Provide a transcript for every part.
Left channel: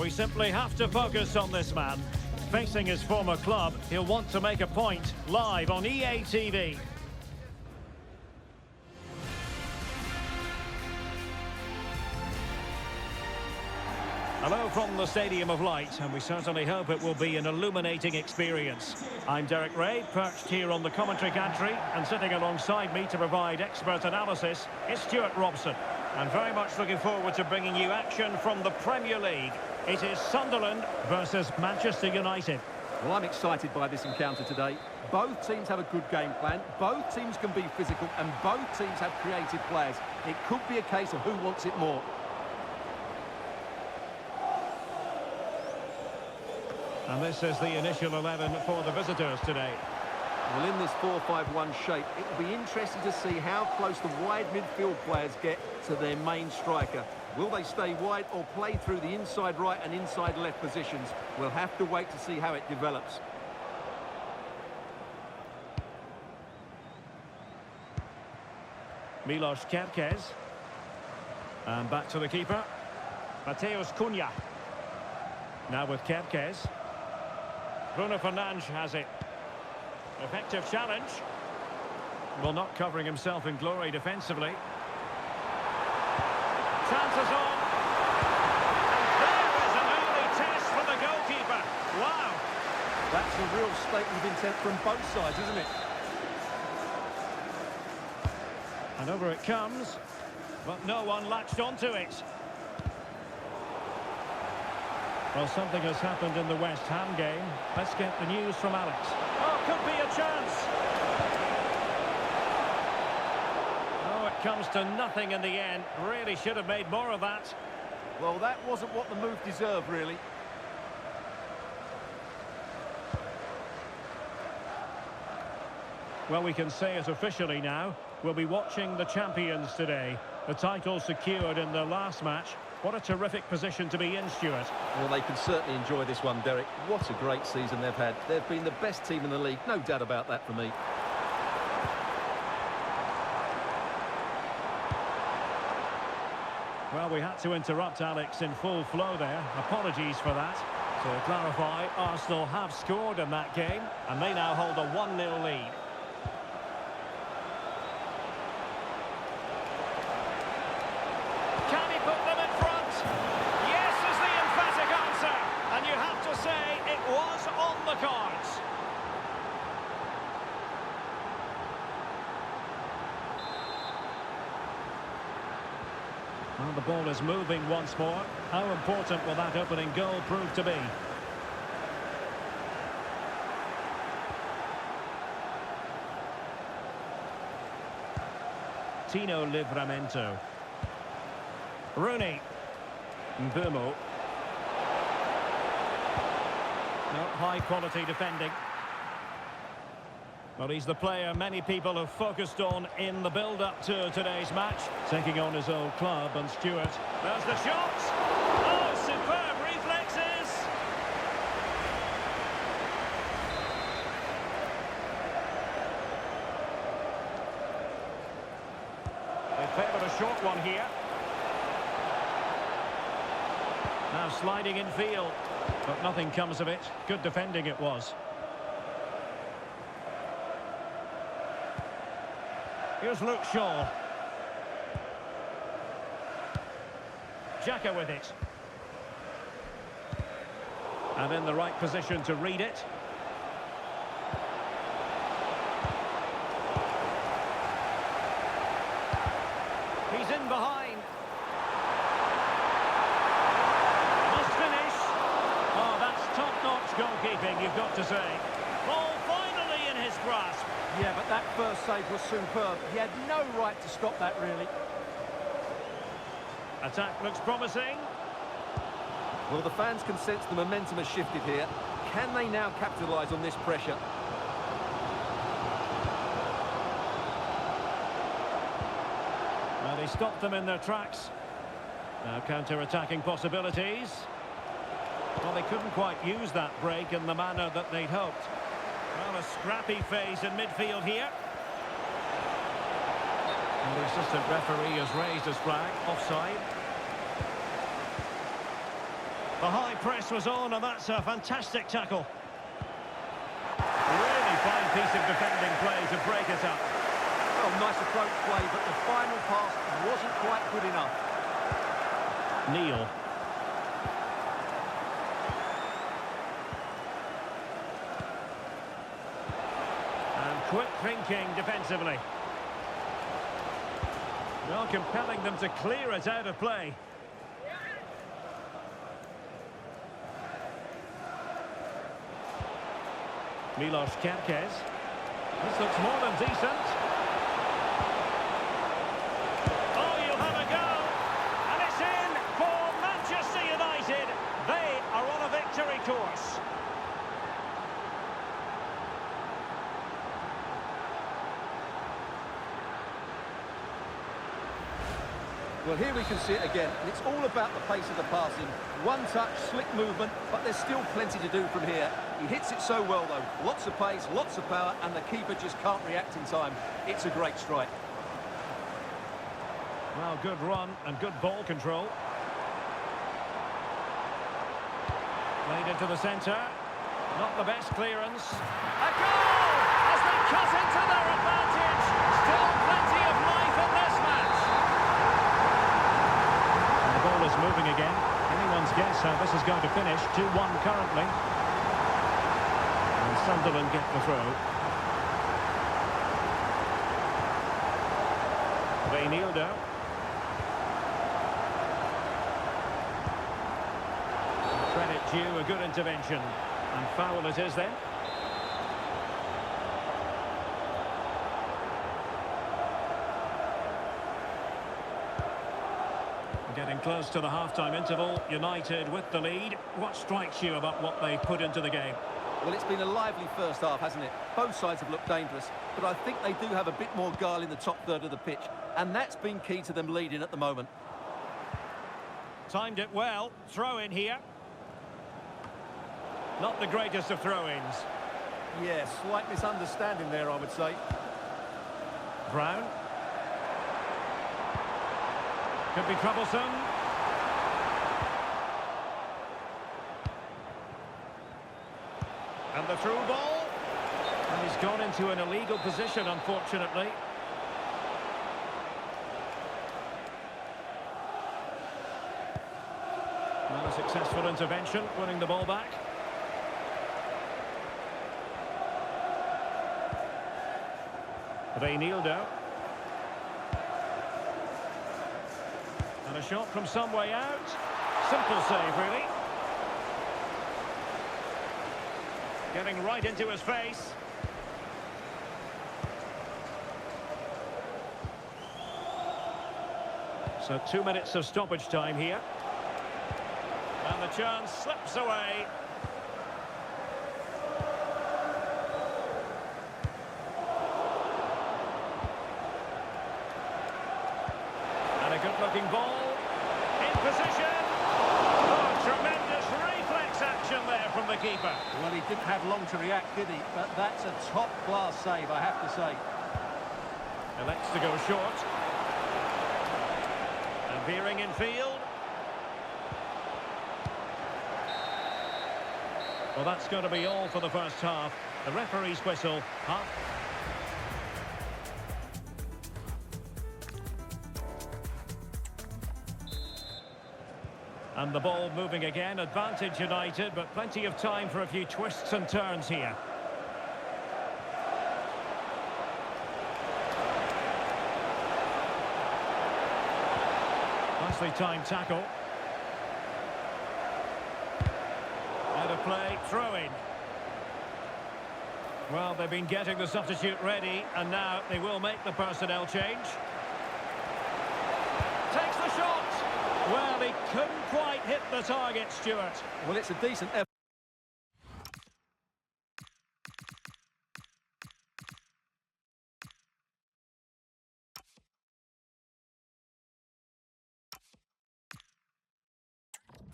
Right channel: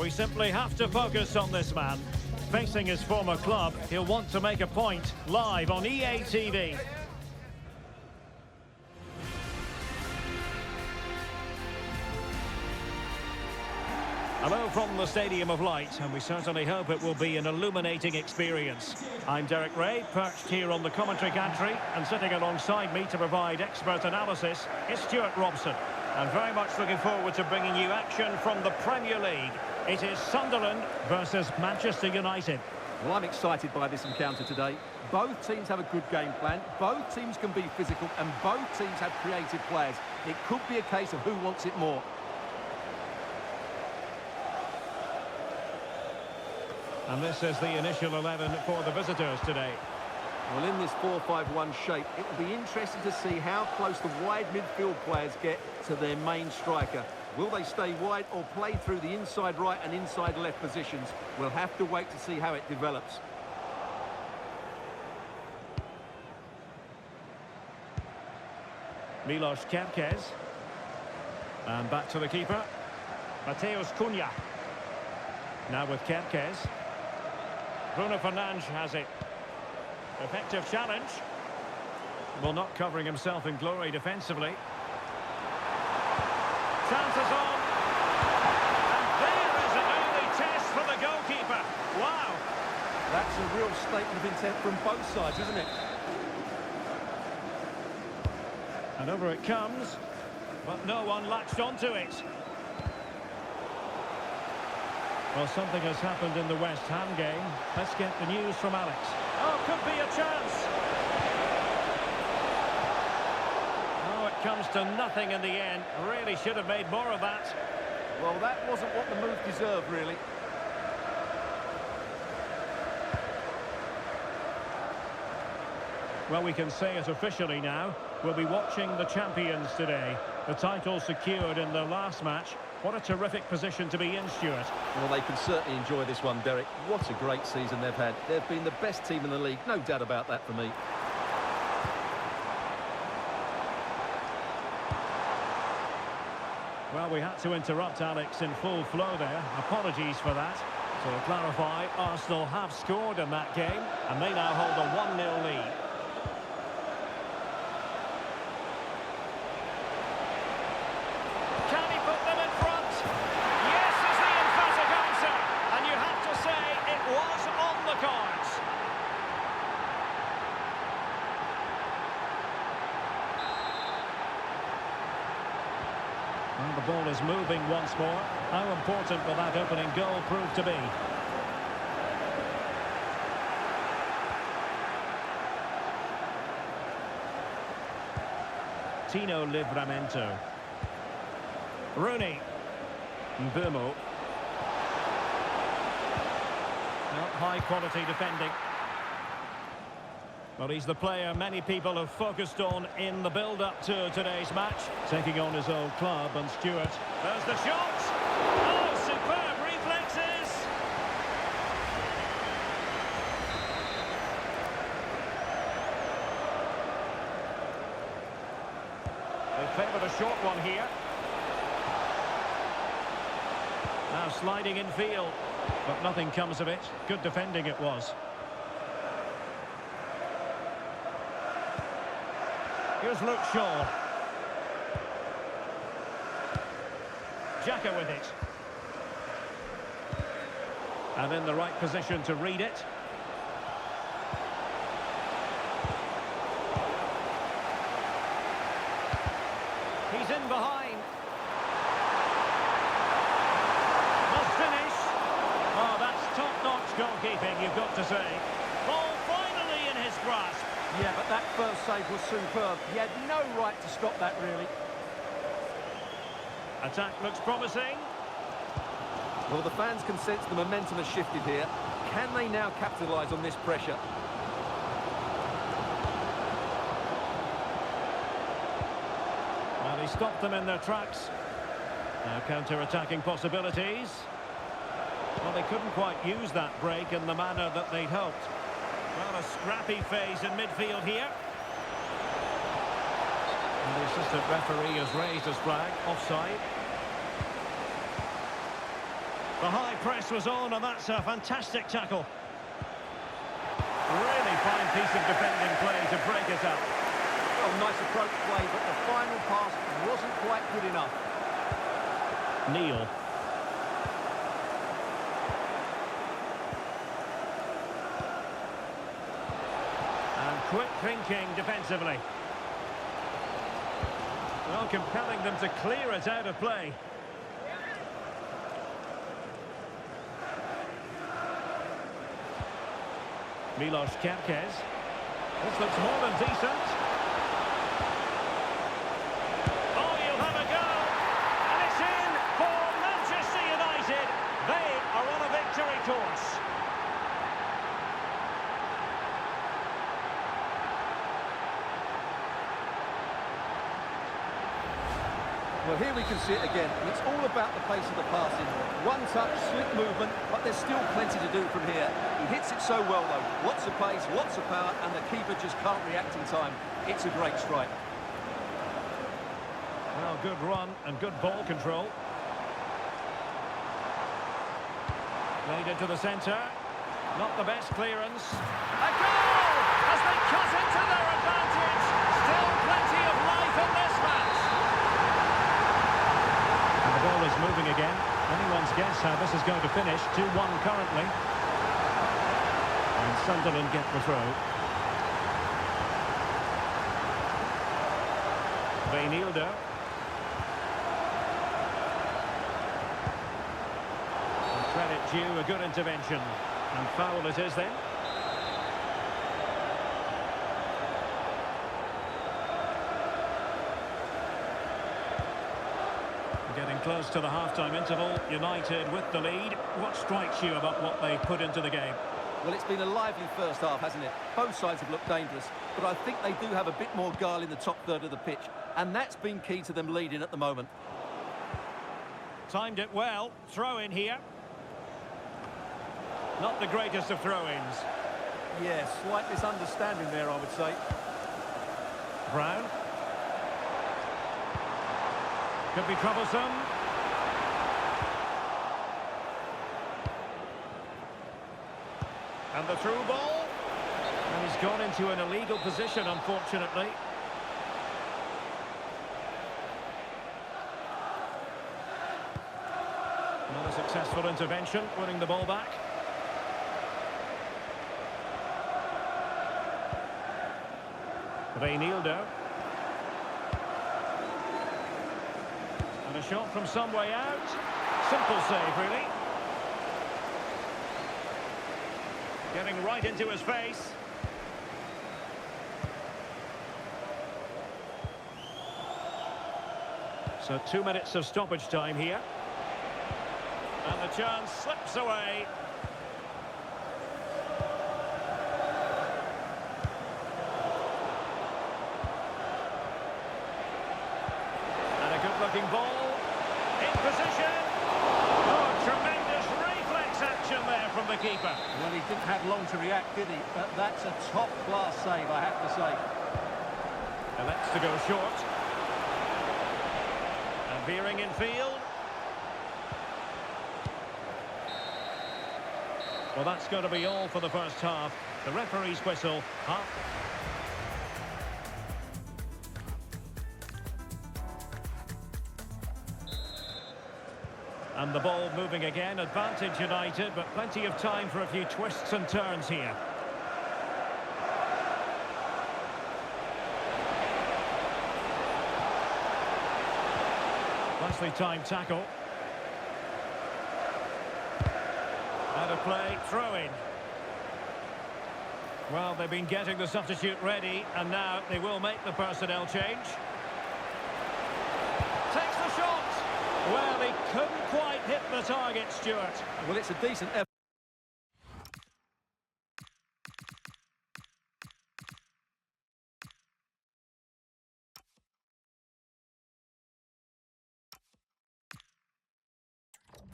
We simply have to focus on this man. Facing his former club, he'll want to make a point live on EA TV. Hello from the Stadium of Light, and we certainly hope it will be an illuminating experience. I'm Derek Ray, perched here on the commentary gantry, and sitting alongside me to provide expert analysis is Stuart Robson. And very much looking forward to bringing you action from the Premier League. It is Sunderland versus Manchester United. Well, I'm excited by this encounter today. Both teams have a good game plan, both teams can be physical, and both teams have creative players. It could be a case of who wants it more. And this is the initial 11 for the visitors today. Well, in this 4-5-1 shape, it will be interesting to see how close the wide midfield players get to their main striker. Will they stay wide or play through the inside right and inside left positions? We'll have to wait to see how it develops. Milos Kerkez. And back to the keeper. Mateus Cunha. Now with Kerkez. Bruno Fernandes has it. Effective challenge. Well, not covering himself in glory defensively. Chances on. And there is an early test for the goalkeeper. Wow. That's a real statement of intent from both sides, isn't it? And over it comes. But no one latched onto it. Well, something has happened in the West Ham game. Let's get the news from Alex. Oh, could be a chance. Oh, it comes to nothing in the end. Really should have made more of that. Well, that wasn't what the move deserved, really. Well, we can say it officially now. We'll be watching the champions today. The title secured in their last match. What a terrific position to be in, Stuart. Well, they can certainly enjoy this one, Derek. What a great season they've had. They've been the best team in the league, no doubt about that for me. Well, we had to interrupt Alex in full flow there. Apologies for that. So to clarify, Arsenal have scored in that game, and they now hold a 1-0 lead. Can he put them in front? Yes is the emphatic answer. And you have to say it was on the cards. Well, the ball is moving once more. How important will that opening goal prove to be? Tino Livramento. Rooney. Mbumo. No, high quality defending. Well, he's the player many people have focused on in the build-up to today's match. Taking on his old club, and Stuart. There's the shot! Oh, superb reflexes! They favoured a short one here. Now sliding in field, but nothing comes of it. Good defending it was. Here's Luke Shaw. Xhaka with it. And in the right position to read it. He's in behind. Must finish. Oh, that's top-notch goalkeeping, you've got to say. Ball finally in his grasp. Yeah, but that first save was superb. He had no right to stop that, really. Attack looks promising. Well, the fans can sense the momentum has shifted here. Can they now capitalise on this pressure? Well, he stopped them in their tracks. Now counter-attacking possibilities. Well, they couldn't quite use that break in the manner that they'd hoped. Well, a scrappy phase in midfield here. And the assistant referee has raised his flag, offside. The high press was on, and that's a fantastic tackle. Really fine piece of defending play to break it up. Well, nice approach play, but the final pass wasn't quite good enough. Neil. And quick thinking defensively. Well, compelling them to clear it out of play. Milos Kerkez. This looks more than decent. Oh, you'll have a go. And it's in for Manchester United. They are on a victory course. Well, here we can see it again, and it's all about the pace of the passing. One touch, slick movement, but there's still plenty to do from here. He hits it so well, though. Lots of pace, lots of power, and the keeper just can't react in time. It's a great strike. Well, good run and good ball control. Played into the centre. Not the best clearance. A goal! As they cut into their advantage. Still plenty of life in this match. And the ball is moving again. Anyone's guess how this is going to finish. 2-1 currently. And Sunderland get the throw. Reinildo. Credit due, a good intervention. And foul it is then. Getting close to the half-time interval. United with the lead. What strikes you about what they put into the game? Well, it's been a lively first half, hasn't it? Both sides have looked dangerous, but I think they do have a bit more guile in the top third of the pitch, and that's been key to them leading at the moment. Timed it well. Throw in here. Not the greatest of throw-ins. Yeah, slight misunderstanding there, I would say. Brown. Could be troublesome. And the through ball. And he's gone into an illegal position, unfortunately. Not a successful intervention, winning the ball back. Reinildo. And a shot from some way out. Simple save, really. Getting right into his face. So 2 minutes of stoppage time here. And the chance slips away. And a good-looking ball. In position. Oh, tremendous reflex action there from the keeper. Well, he didn't have long to react, did he? But that's a top-class save, I have to say. Elects to go short. And veering in field. Well, that's going to be all for the first half. The referee's whistle. Half. And the ball moving again. Advantage United, but plenty of time for a few twists and turns here. Nicely timed tackle. Out of play, throw in. Well, they've been getting the substitute ready, and now they will make the personnel change. Takes the shot. Well, he couldn't quite hit the target, Stuart. Well, it's a decent effort.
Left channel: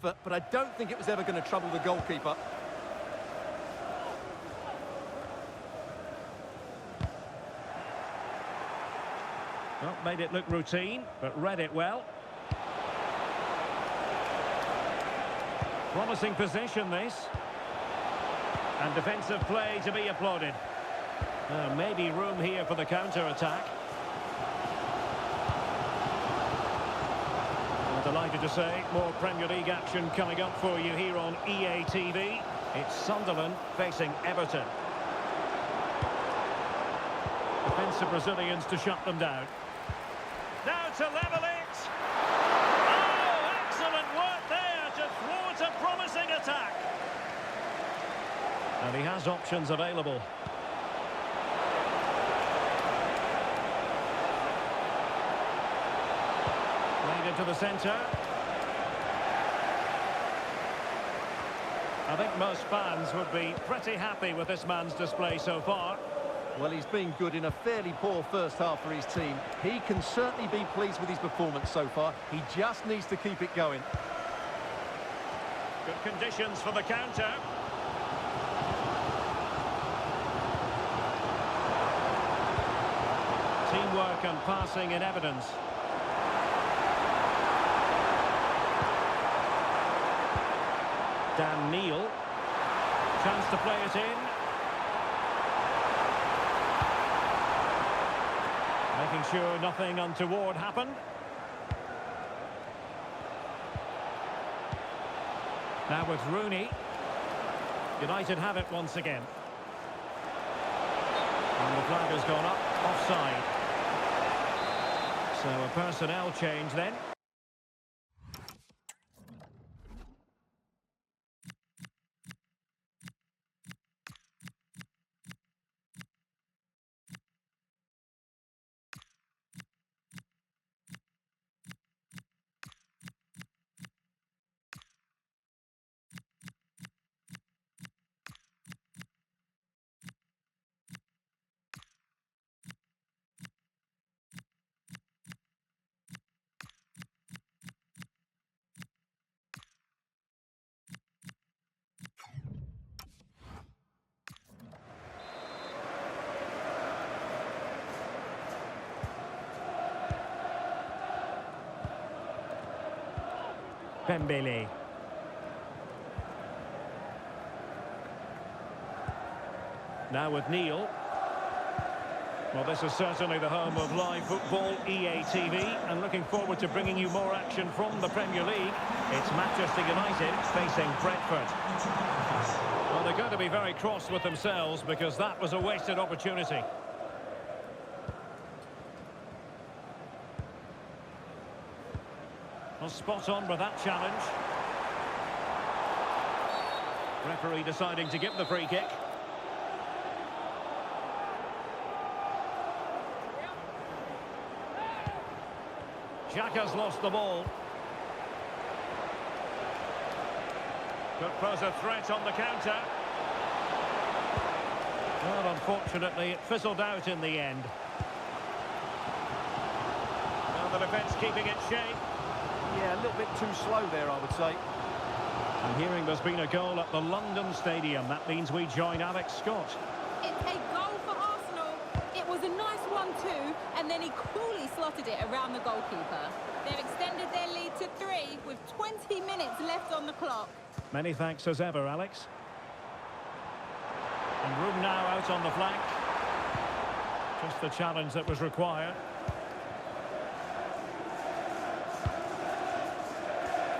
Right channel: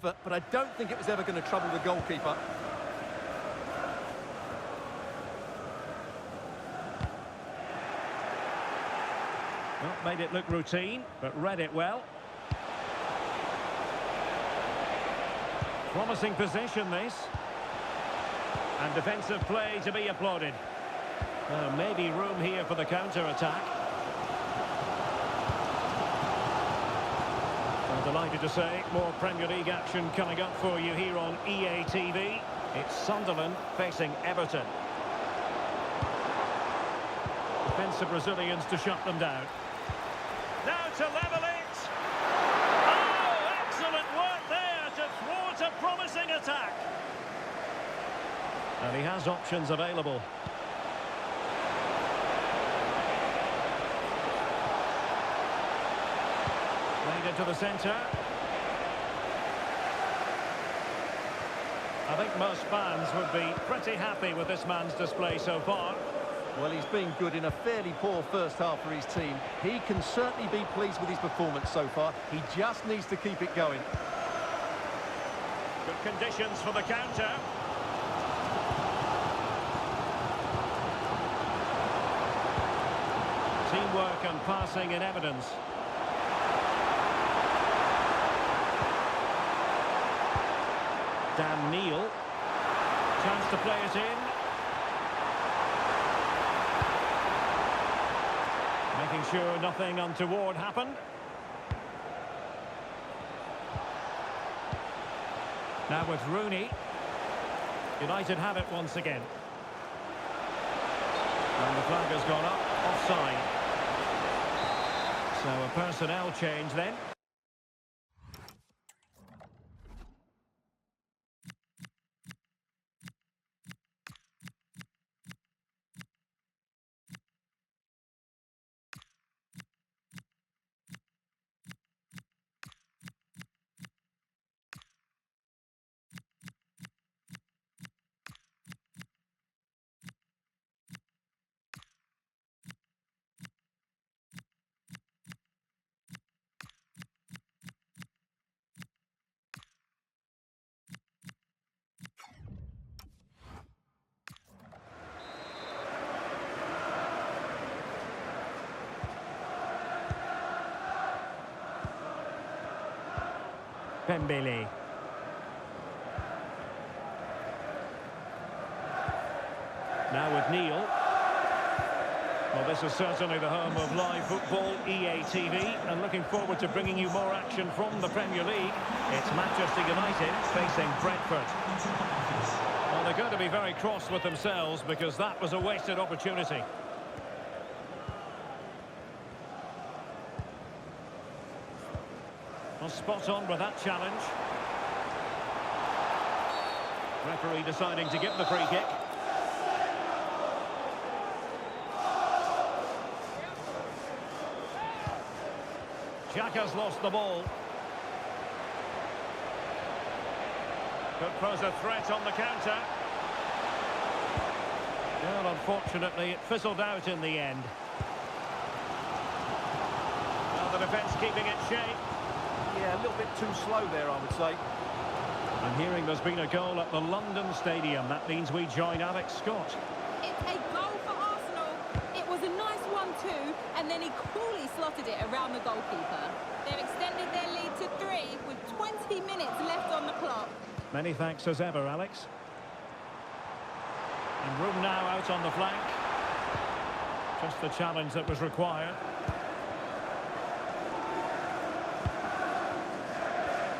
But I don't think it was ever going to trouble the goalkeeper. Well, made it look routine, but read it well. Promising position, this. And defensive play to be applauded. Maybe room here for the counter-attack. Well, delighted to say, more Premier League action coming up for you here on EA TV. It's Sunderland facing Everton. Defensive Brazilians to shut them down. Now to level it. Oh, excellent work there to thwart a promising attack. And he has options available. Played into the centre. I think most fans would be pretty happy with this man's display so far. Well, he's been good in a fairly poor first half for his team. He can certainly be pleased with his performance so far. He just needs to keep it going. Good conditions for the counter. Teamwork and passing in evidence. Dan Neil. Chance to play it in. Making sure nothing untoward happened. Now with Rooney. United have it once again. And the flag has gone up, offside. So a personnel change then. Pembele. Now with Neil. Well, this is certainly the home of live football, EA TV, and looking forward to bringing you more action from the Premier League. It's Manchester United facing Brentford. Well, they're going to be very cross with themselves because that was a wasted opportunity. Well, spot on with that challenge. Referee deciding to give the free kick. Xhaka's lost the ball. Could pose a threat on the counter. Well, unfortunately, it fizzled out in the end. Well, the defence keeping its shape. Yeah, a little bit too slow there, I would say. I'm hearing there's been a goal at the London Stadium. That means we join Alex Scott. It's a goal for Arsenal. It was a nice 1-2, and then he coolly slotted it around the goalkeeper. They've extended their lead to 3 with 20 minutes left on the clock. Many thanks as ever, Alex. And room now out on the flank. Just the challenge that was required.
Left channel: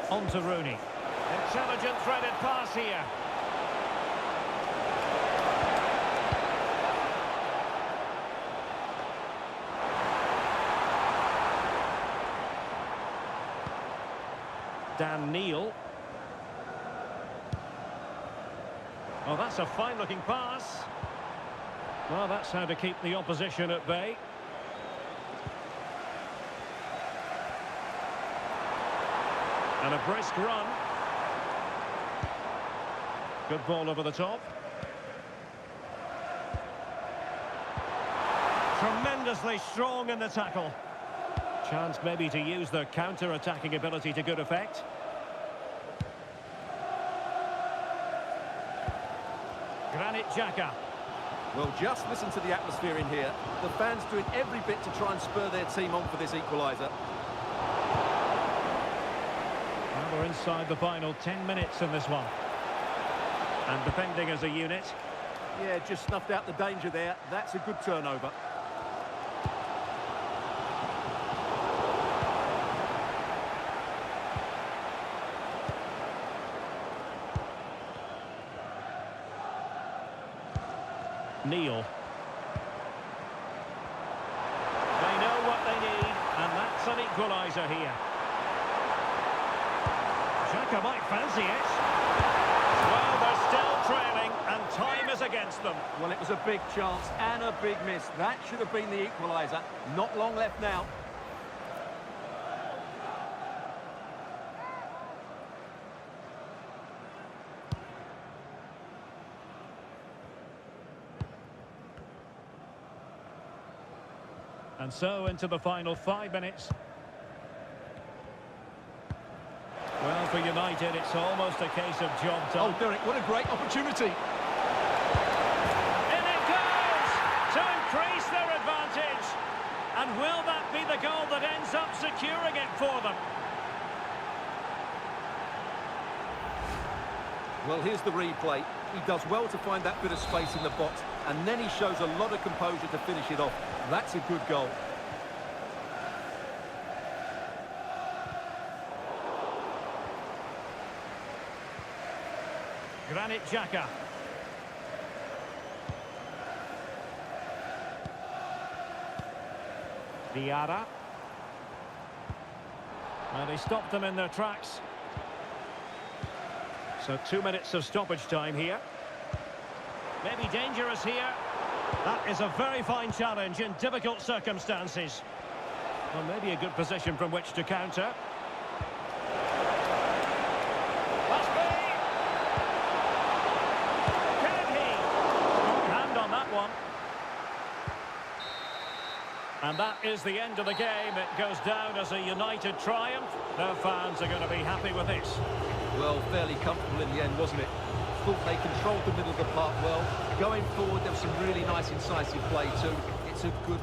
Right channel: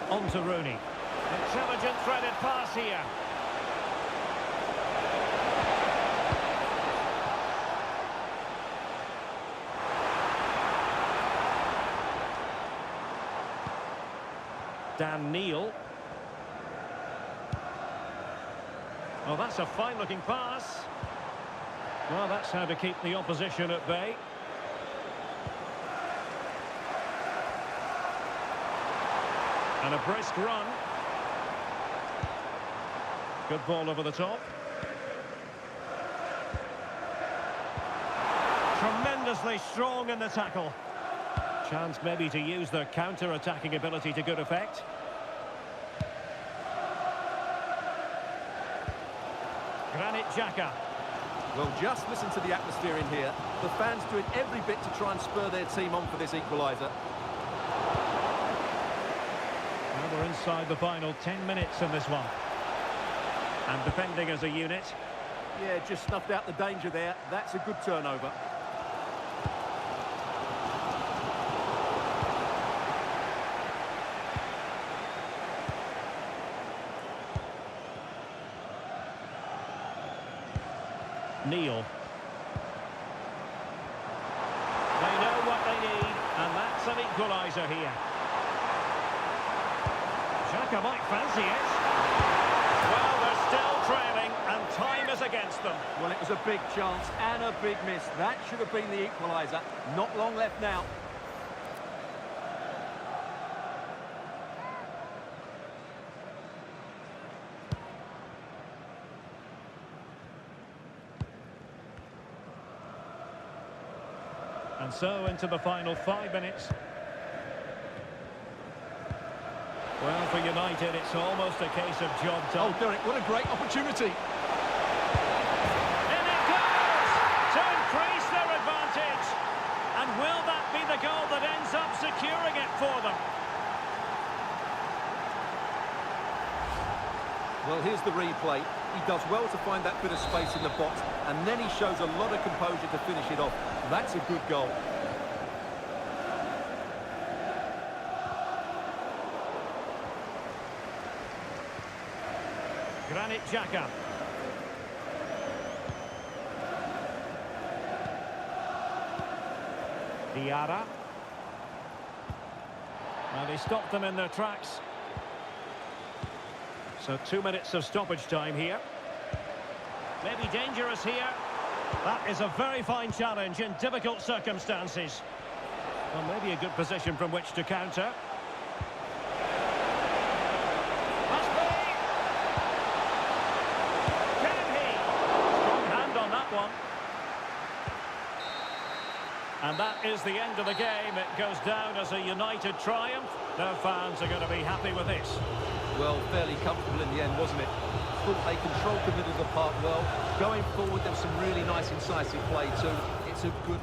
On to Rooney. Intelligent threaded pass here. Dan Neil. Oh, that's a fine-looking pass. Well, that's how to keep the opposition at bay. And a brisk run. Good ball over the top. Tremendously strong in the tackle. Chance maybe to use their counter-attacking ability to good effect. Granit Xhaka. Well, just listen to the atmosphere in here. The fans doing every bit to try and spur their team on for this equaliser. Well, we're inside the final 10 minutes in this one. And defending as a unit. Yeah, just snuffed out the danger there. That's a good turnover. Neil. They know what they need, and that's an equaliser here. Xhaka might fancy it. Well, they're still trailing, and time is against them. Well, it was a big chance and a big miss. That should have been the equaliser. Not long left now. And so into the final 5 minutes. Well, for United, it's almost a case of job done. Oh, Derek, what a great opportunity. In it goes to increase their advantage. And will that be the goal that ends up securing it for them? Well, here's the replay. He does well to find that bit of space in the box, and then he shows a lot of composure to finish it off. That's a good goal. Granit Xhaka. Diarra. Well, they stopped them in their tracks. So 2 minutes of stoppage time here. Maybe dangerous here. That is a very fine challenge in difficult circumstances. Well, maybe a good position from which to counter. Must be! Can he? Strong hand on that one. And that is the end of the game. It goes down as a United triumph. Their fans are going to be happy with this. Well, fairly comfortable in the end, wasn't it? Thought they controlled the middle of the park well. Going forward, there was some really nice incisive play too. It's a good...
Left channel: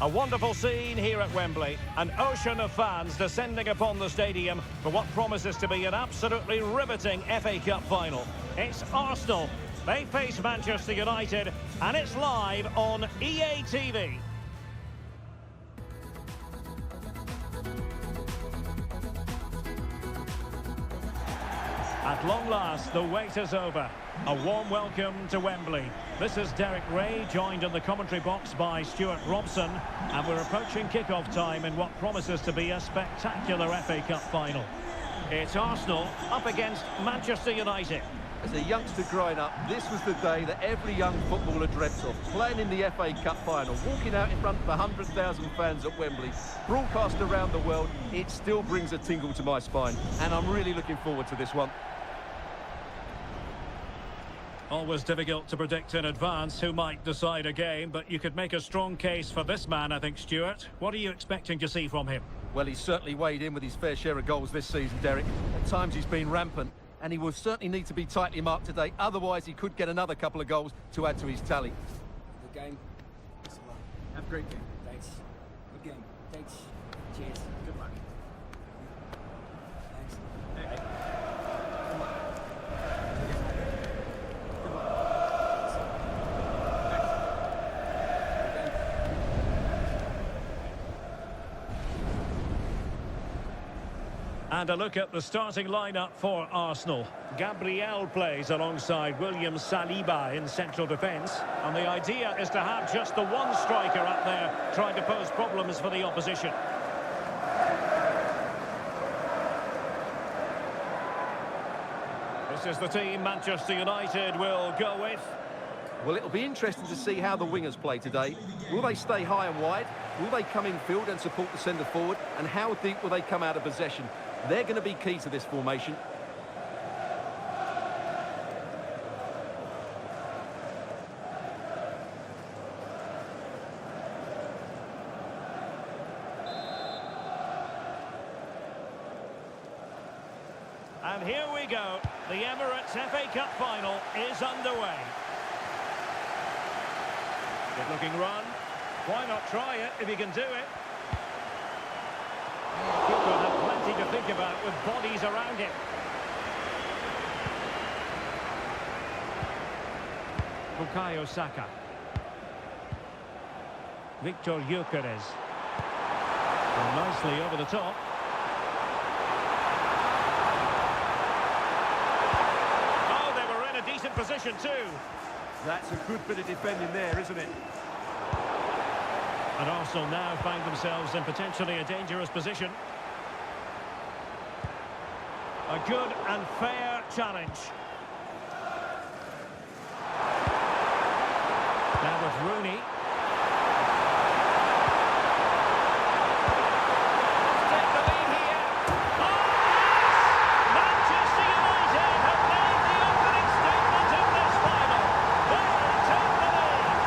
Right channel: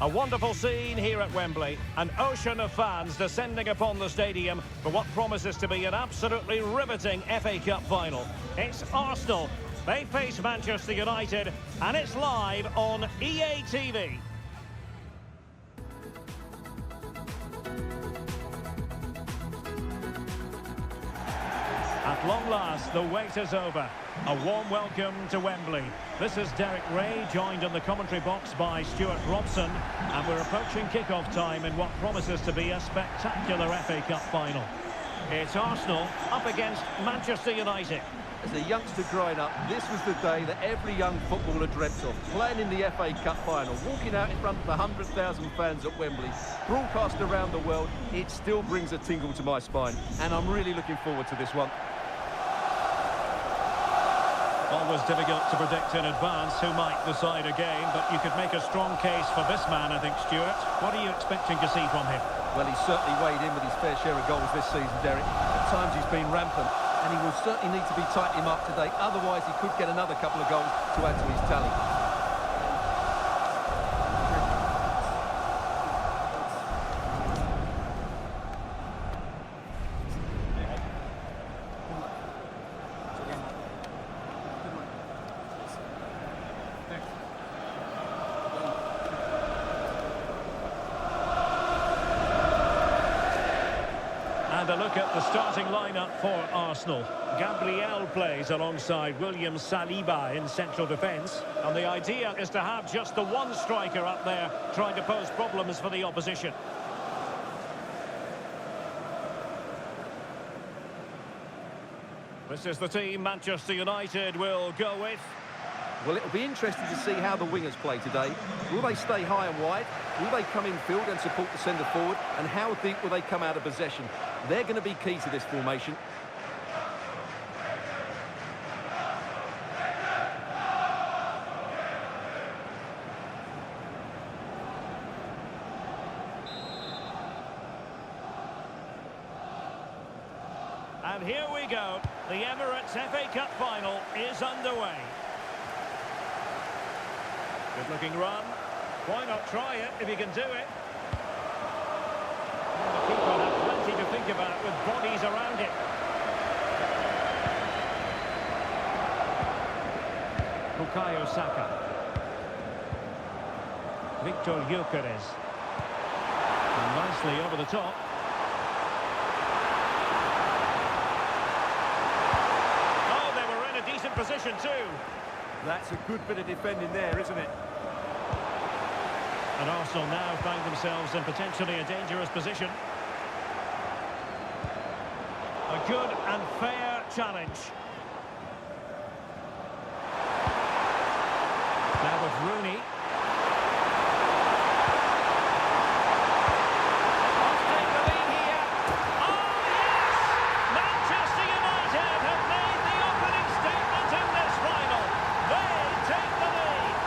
A wonderful scene here at Wembley. An ocean of fans descending upon the stadium for what promises to be an absolutely riveting FA Cup final. It's Arsenal. They face Manchester United, and it's live on EA TV. At long last, the wait is over. A warm welcome to Wembley. This is Derek Ray, joined in the commentary box by Stuart Robson, and we're approaching kick-off time in what promises to be a spectacular FA Cup final. It's Arsenal up against Manchester United. As a youngster growing up, this was the day that every young footballer dreamt of. Playing in the FA Cup final, walking out in front of 100,000 fans at Wembley, broadcast around the world, it still brings a tingle to my spine. And I'm really looking forward to this one. Always difficult to predict in advance who might decide a game, but you could make a strong case for this man, I think, Stuart. What are you expecting to see from him? Well, he's certainly weighed in with his fair share of goals this season, Derek. At times he's been rampant, and he will certainly need to be tightly marked today. Otherwise, he could get another couple of goals to add to his tally. And a look at the starting lineup for Arsenal. Gabriel plays alongside William Saliba in central defence. And the idea is to have just the one striker up there trying to pose problems for the opposition. This is the team Manchester United will go with. Well, it'll be interesting to see how the wingers play today. Will they stay high and wide? Will they come in field and support the centre forward? And how deep will they come out of possession? They're going to be key to this formation. And here we go. The Emirates FA Cup final is underway. Good-looking run. Why not try it if you can do it? The keeper had plenty to think about with bodies around him. Bukayo Saka. Victor Gyökeres. And nicely over the top. Oh, they were in a decent position too. That's a good bit of defending there, isn't it? And Arsenal now find themselves in potentially a dangerous position. A good and fair challenge. Now with Rooney. Let's take the lead here. Oh, yes! Manchester United have made the opening statement in this final. They take the lead.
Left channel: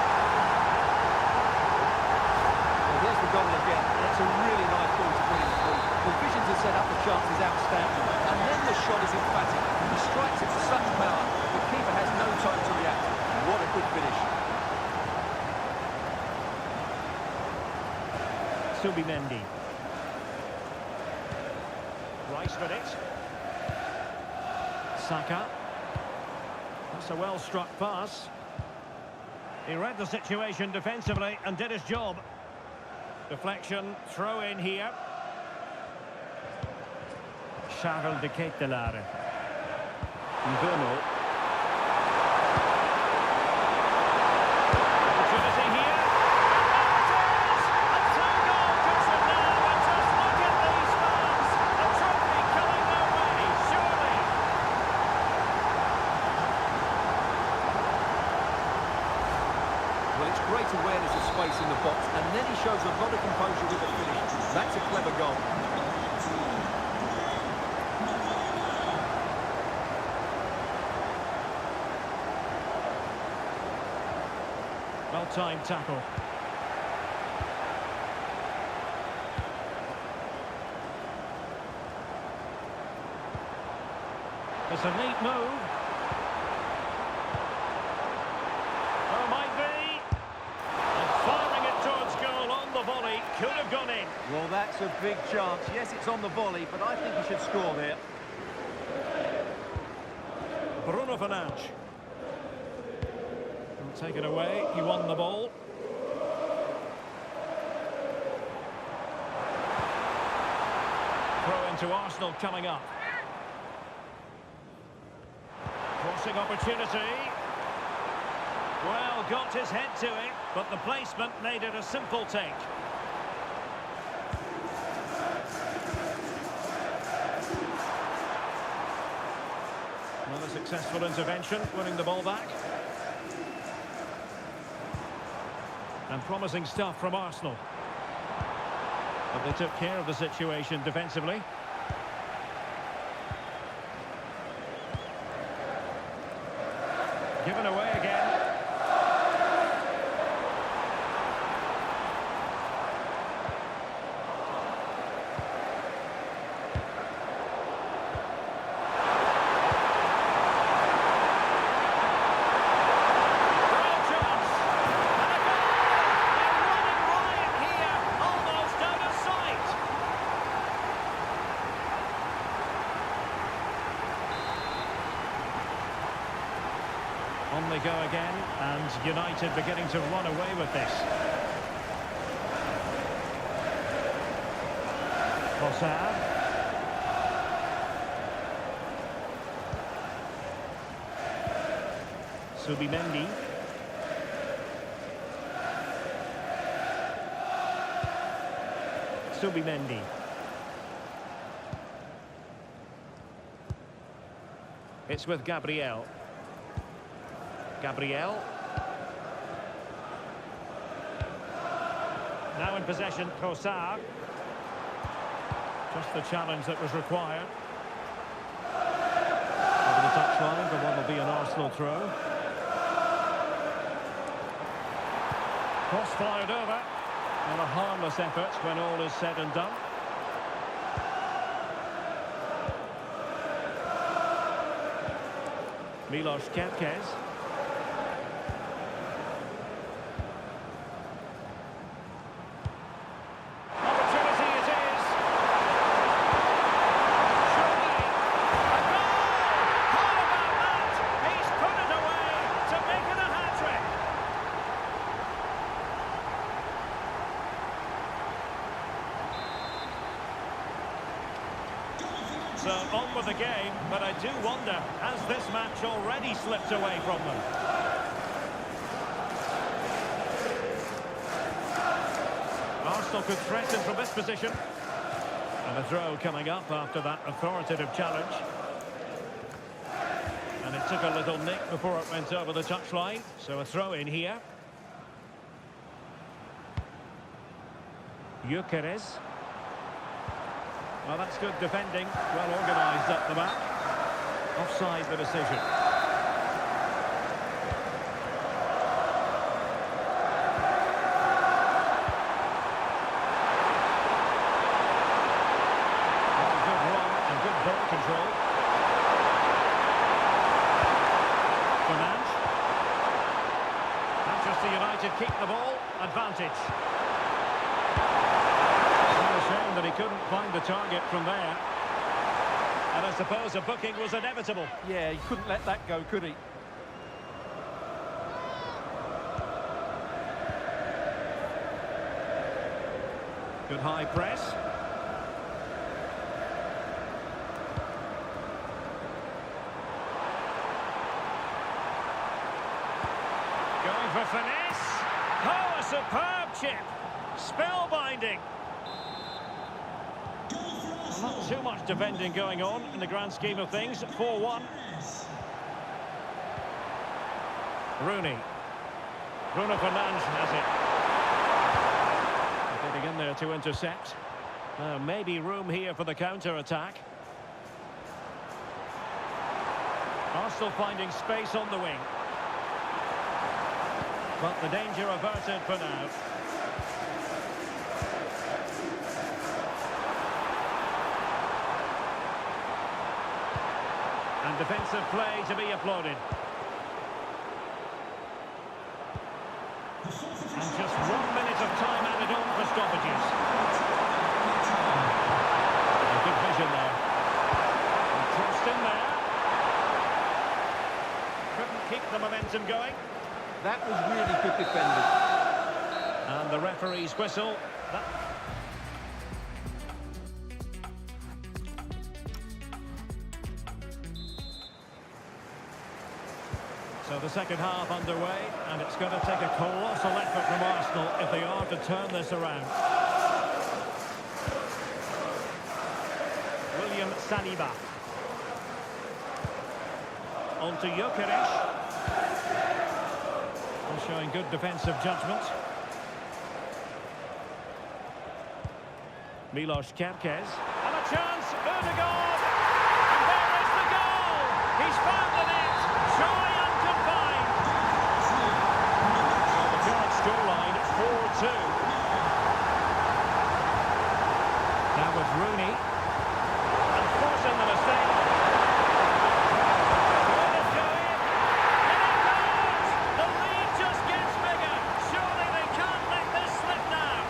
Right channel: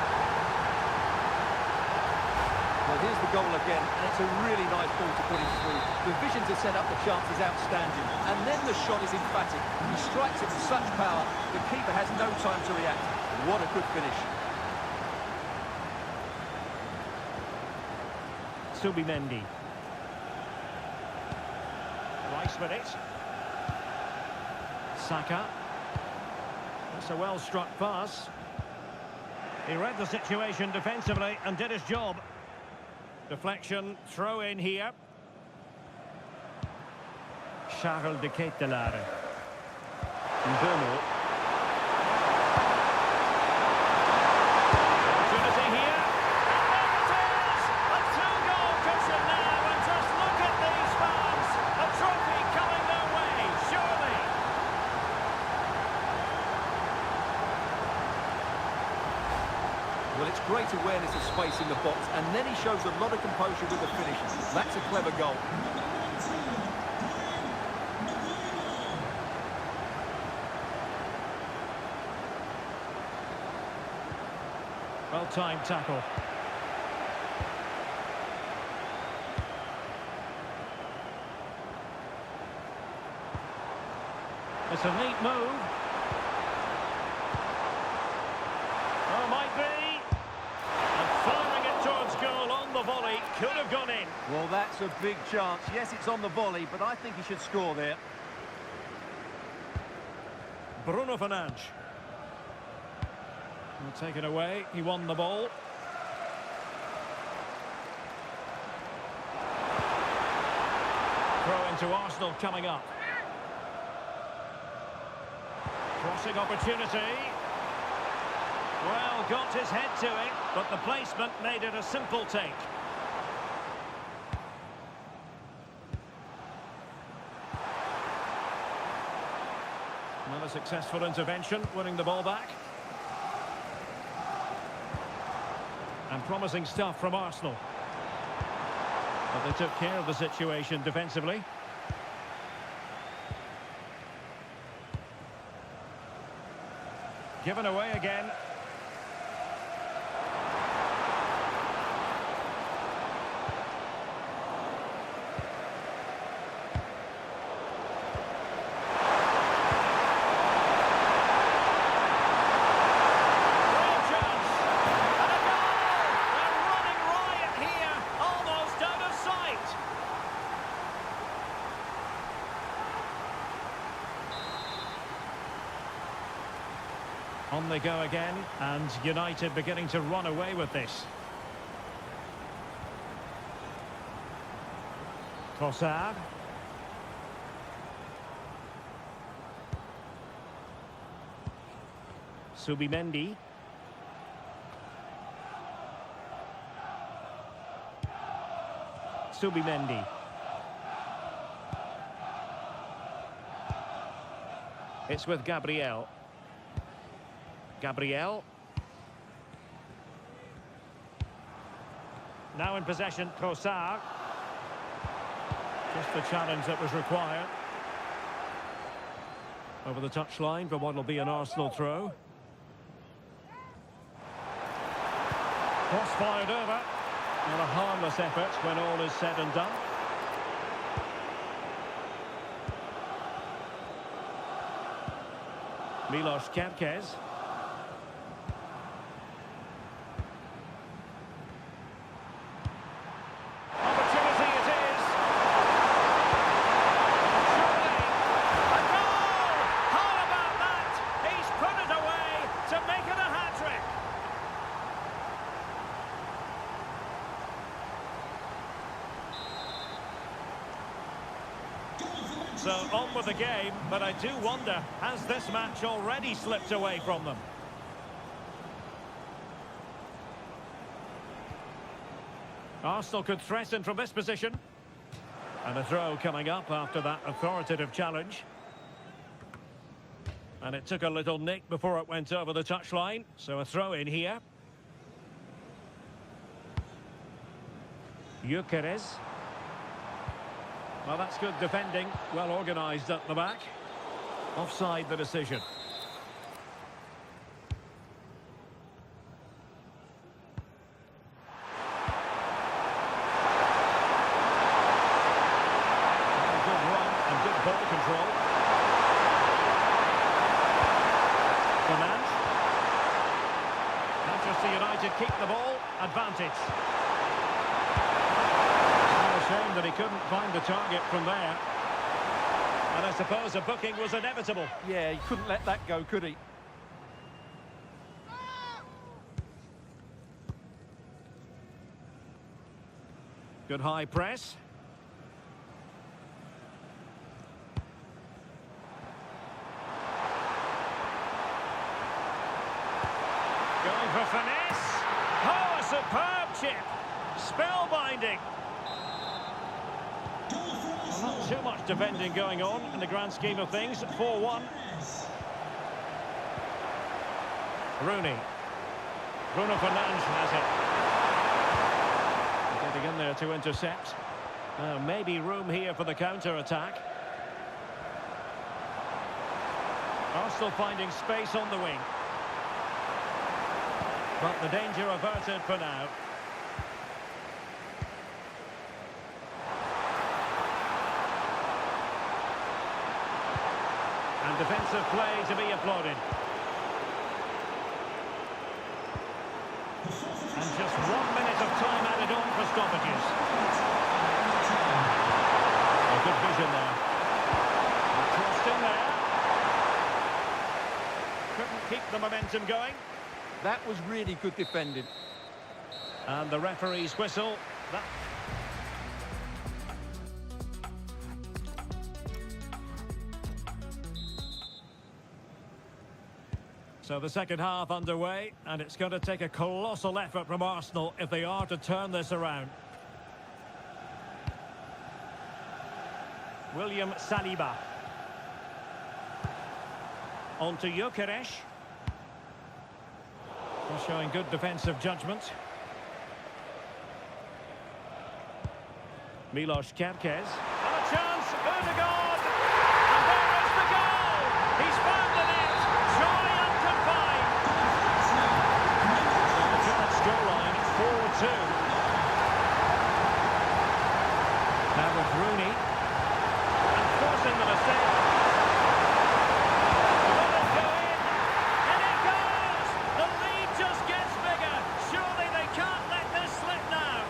Well, here's the goal again, and it's a really nice ball to put him through. The vision to set up the chance is outstanding, and then the shot is emphatic. He strikes it with such power, the keeper has no time to react. What a good finish. Subimendi. Rice with it. Saka. That's a well-struck pass. He read the situation defensively and did his job. Deflection, throw in here. Charles de Ketelaere. Mbeumo. Opportunity here. And there it is! A two-goal cushion now, and just look at these fans. A trophy coming their way, surely. Well, it's great awareness of space in the box, and then he shows a lot of composure with the finish. That's a clever goal. Well-timed tackle. It's a neat move. Oh, might be. And firing it towards goal on the volley. Could have gone in. Well, that's a big chance. Yes, it's on the volley, but I think he should score there. Bruno Fernandes. Take it away. He won the ball. Throw into Arsenal coming up. Crossing opportunity. Well, got his head to it, but the placement made it a simple take. a successful intervention, winning the ball back. And promising stuff from Arsenal. But they took care of the situation defensively. Given away again. On they go again, and United beginning to run away with this. Trossard. Subimendi. Subimendi. It's with Gabriel. Gabriel. Now in possession, Trossard. Just the challenge that was required. Over the touchline for what will be an Arsenal throw. Cross fired over. Not a harmless effort when all is said and done. Milos Kerkez. So on with the game, but I do wonder, has this match already slipped away from them? Arsenal could threaten from this position. And a throw coming up after that authoritative challenge. And it took a little nick before it went over the touchline, so a throw in here. Gyökeres. Well, that's good defending. Well organised at the back. Offside the decision. Well, good run and good ball control. Fernandes. Manchester United keep the ball. Advantage. Shame that he couldn't find the target from there. And I suppose a booking was inevitable. Yeah, he couldn't let that go, could he? Good high press. Going for finesse. Oh, a superb chip. Spellbinding. Well, not too much defending going on in the grand scheme of things. 4-1. Rooney. Bruno Fernandes has it. Getting in there to intercept. Now maybe room here for the counter-attack. Arsenal finding space on the wing. But the danger averted for now. And defensive play to be applauded. And just 1 minute of time added on for stoppages. A good vision there. And crossed in there. Couldn't keep the momentum going. That was really good defending. And the referee's whistle. So the second half underway, and it's going to take a colossal effort from Arsenal if they are to turn this around. William Saliba. On to Gyökeres. Showing good defensive judgment. Milos Kerkez. And a chance, Ødegaard! And there is the goal! He's found the net! Joy unconfined! Well, the current scoreline, 4-2. Now with Rooney. And forcing the mistake. Will it go in? And it goes! The lead just gets bigger. Surely they can't let this slip now.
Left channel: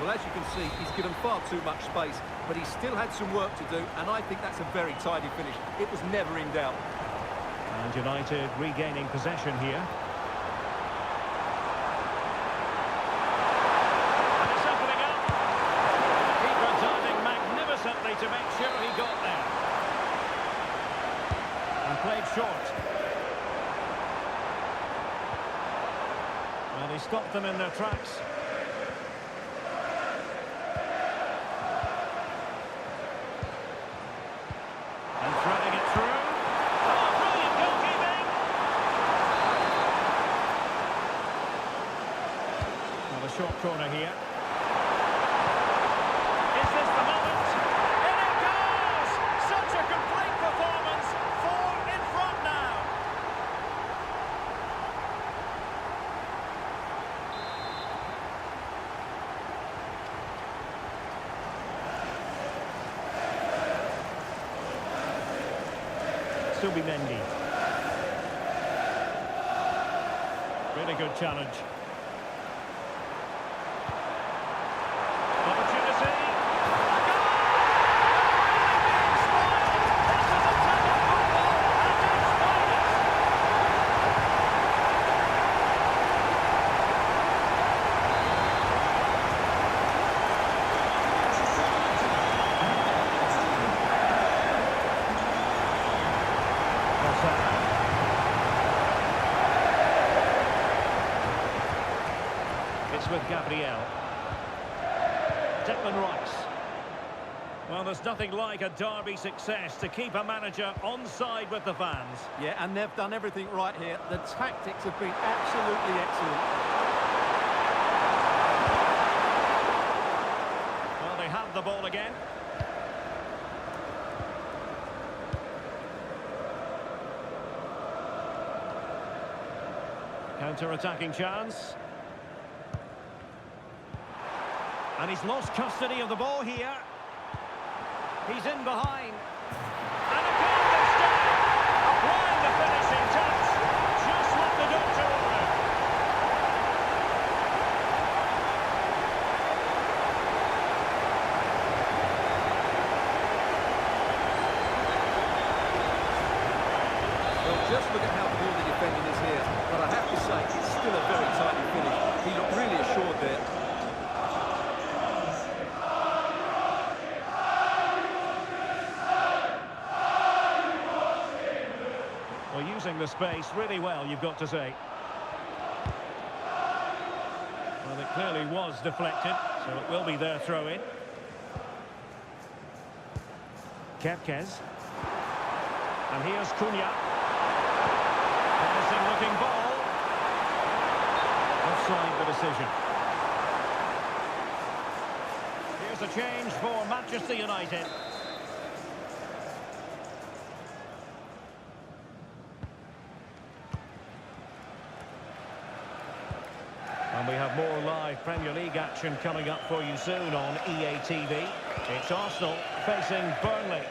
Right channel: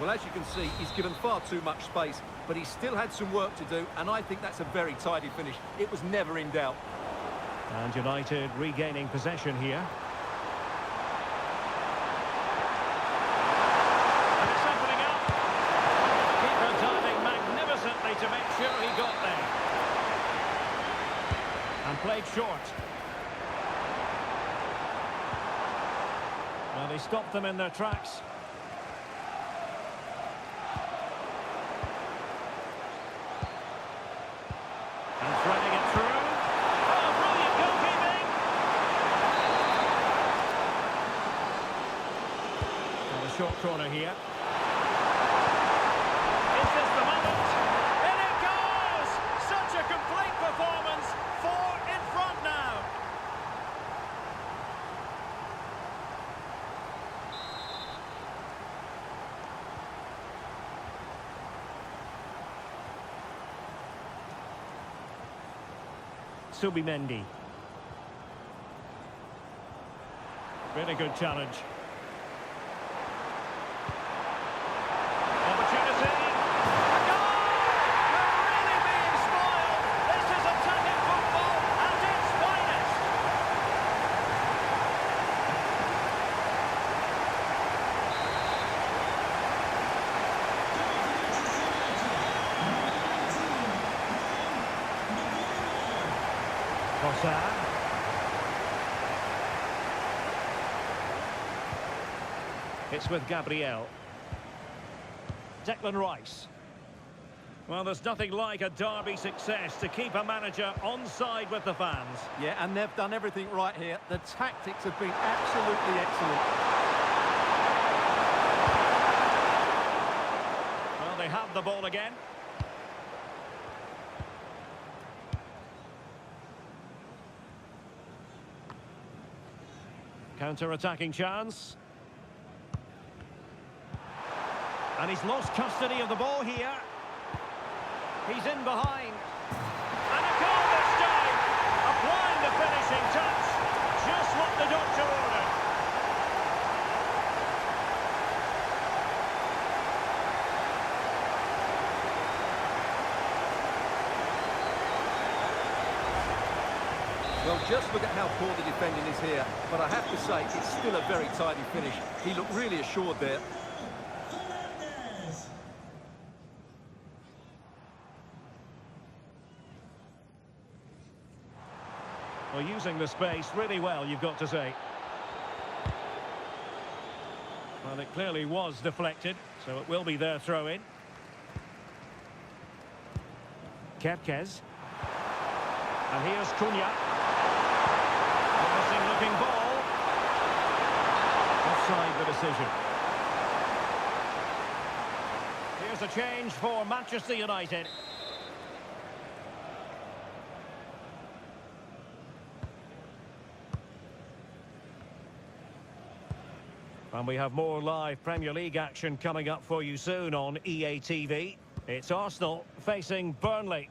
Well, as you can see, he's given far too much space, but he still had some work to do, and I think that's a very tidy finish. It was never in doubt. And United regaining possession here. And it's opening up. Keeper diving magnificently to make sure he got there. And played short. Well, he stopped them in their tracks. And threading it through. Oh, brilliant goalkeeping! Well, a short corner here. Is this the moment? In it goes! Such a complete performance. 4 in front now. Subimendi. Really good challenge. Opportunity. A goal! We're really being spoiled. This is attacking football at its finest. It's with Gabriel. Declan Rice. Well, there's nothing like a derby success to keep a manager on side with the fans. Yeah, and they've done everything right here. The tactics have been absolutely excellent. Well, they have the ball again. Counter-attacking chance. And he's lost custody of the ball here. He's in behind. And a goal this time. Applying the finishing touch. Just what the doctor ordered. Well, just look at how poor the defending is here. But I have to say, it's still a very tidy finish. He looked really assured there. Well, using the space really well, you've got to say. Well, it clearly was deflected, so it will be their throw-in. Kerkez. And here's Cunha. Promising looking ball. Offside the decision. Here's a change for Manchester United. And we have more live Premier League action coming up for you soon on EA TV. It's Arsenal facing Burnley.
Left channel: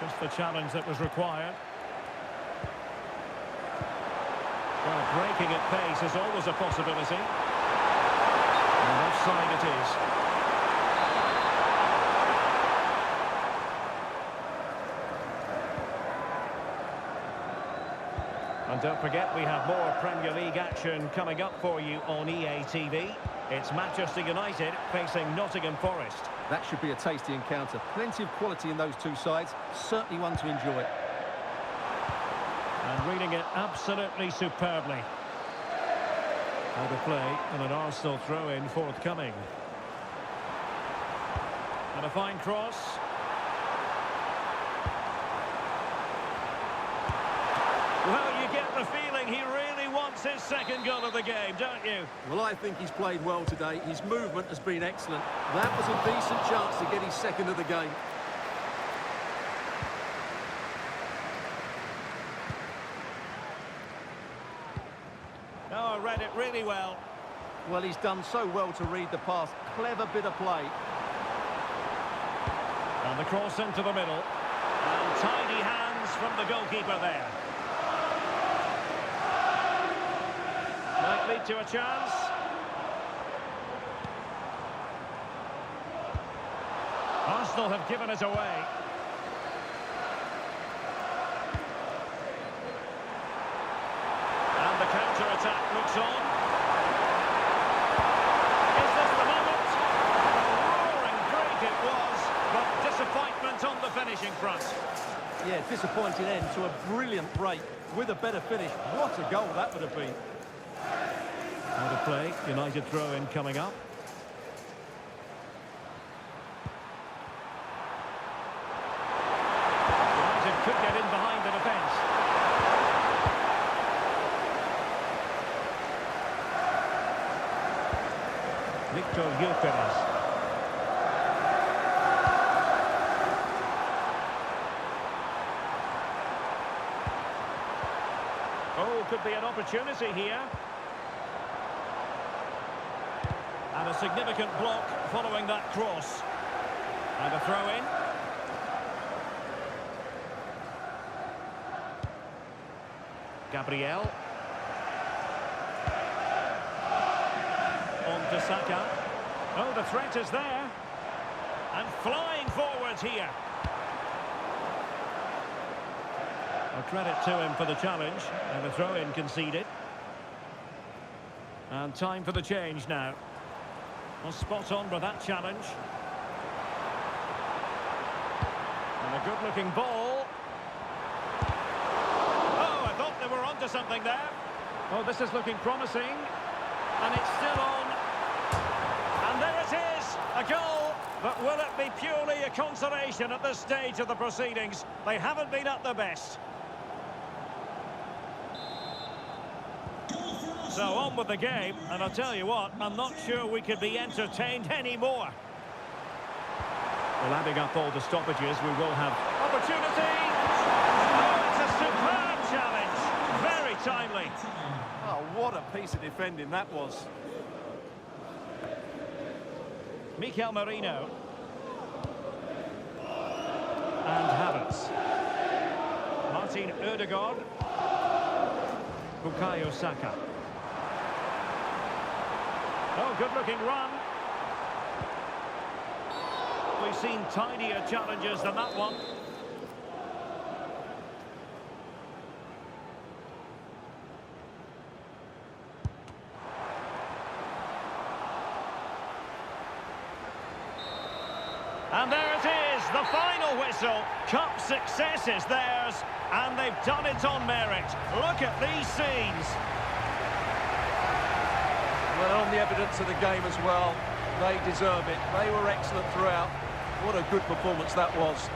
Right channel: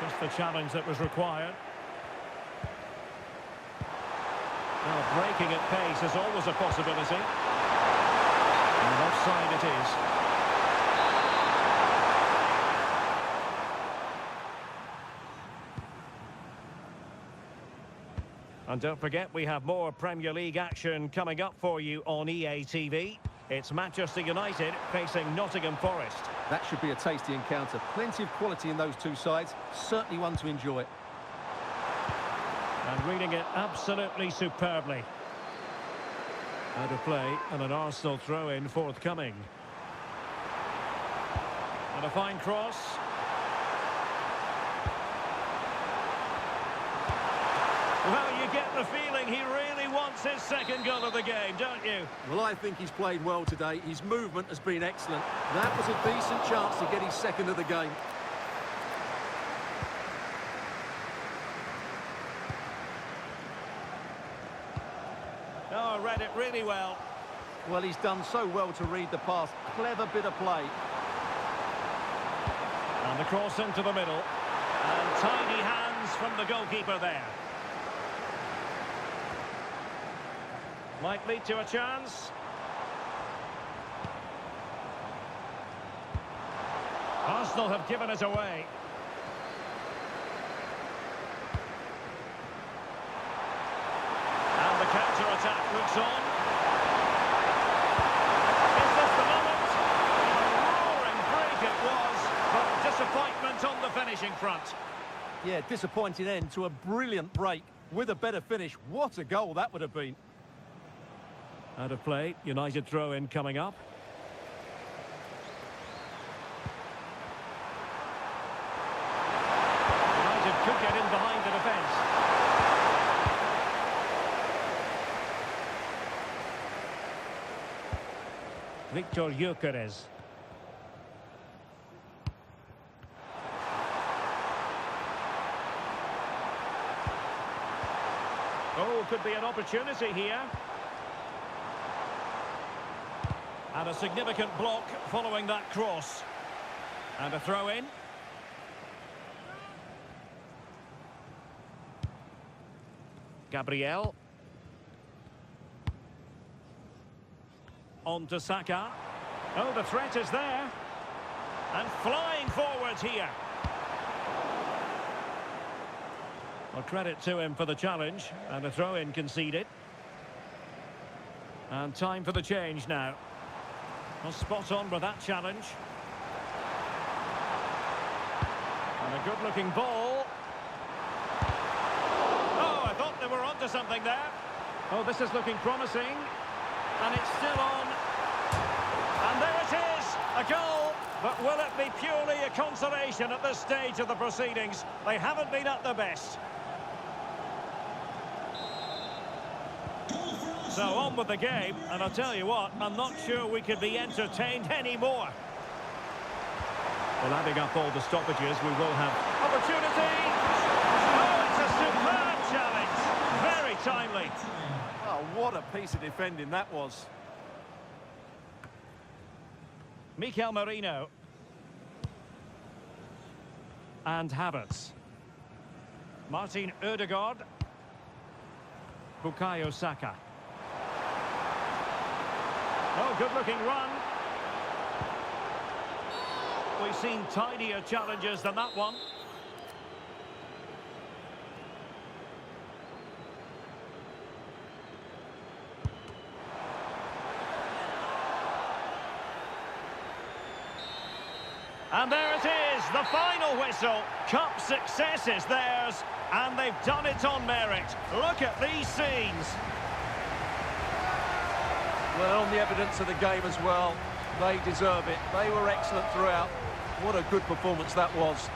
Just the challenge that was required. Well, breaking at pace is always a possibility. And offside it is. And don't forget, we have more Premier League action coming up for you on EA TV. It's Manchester United facing Nottingham Forest. That should be a tasty encounter. Plenty of quality in those two sides. Certainly one to enjoy. And reading it absolutely superbly. Out of play and an Arsenal throw-in forthcoming. And a fine cross. Well, you get the feeling he really wants his second goal of the game, don't you? Well, I think he's played well today. His movement has been excellent. That was a decent chance to get his second of the game. Oh, read it really well. Well, he's done so well to read the pass. Clever bit of play. And the cross into the middle. And tidy hands from the goalkeeper there. Might lead to a chance. Arsenal have given it away. And the counter-attack looks on. Is this the moment? A roaring break it was, but disappointment on the finishing front. Yeah, disappointing end to a brilliant break. With a better finish, what a goal that would have been. Out of play, United throw-in coming up. United could get in behind the defence. Victor Gyökeres. Oh, could be an opportunity here. And a significant block following that cross. And a throw-in. Gabriel. On to Saka. Oh, the threat is there. And flying forwards here. Well, credit to him for the challenge. And a throw-in conceded. And time for the change now. Well, spot on with that challenge. And a good-looking ball. Oh, I thought they were onto something there. Oh, this is looking promising. And it's still on. And there it is, a goal. But will it be purely a consolation at this stage of the proceedings? They haven't been at their best. So on with the game, and I'll tell you what, I'm not sure we could be entertained anymore. Well, adding up all the stoppages, we will have opportunity. Oh, it's a superb challenge. Very timely. Oh, what a piece of defending that was. Mikel Merino. And Havertz. Martin Ødegaard. Bukayo Saka. Oh, good-looking run. We've seen tidier challenges than that one. And there it is, the final whistle. Cup success is theirs, and they've done it on merit. Look at these scenes. Well, on the evidence of the game as well, they deserve it. They were excellent throughout. What a good performance that was.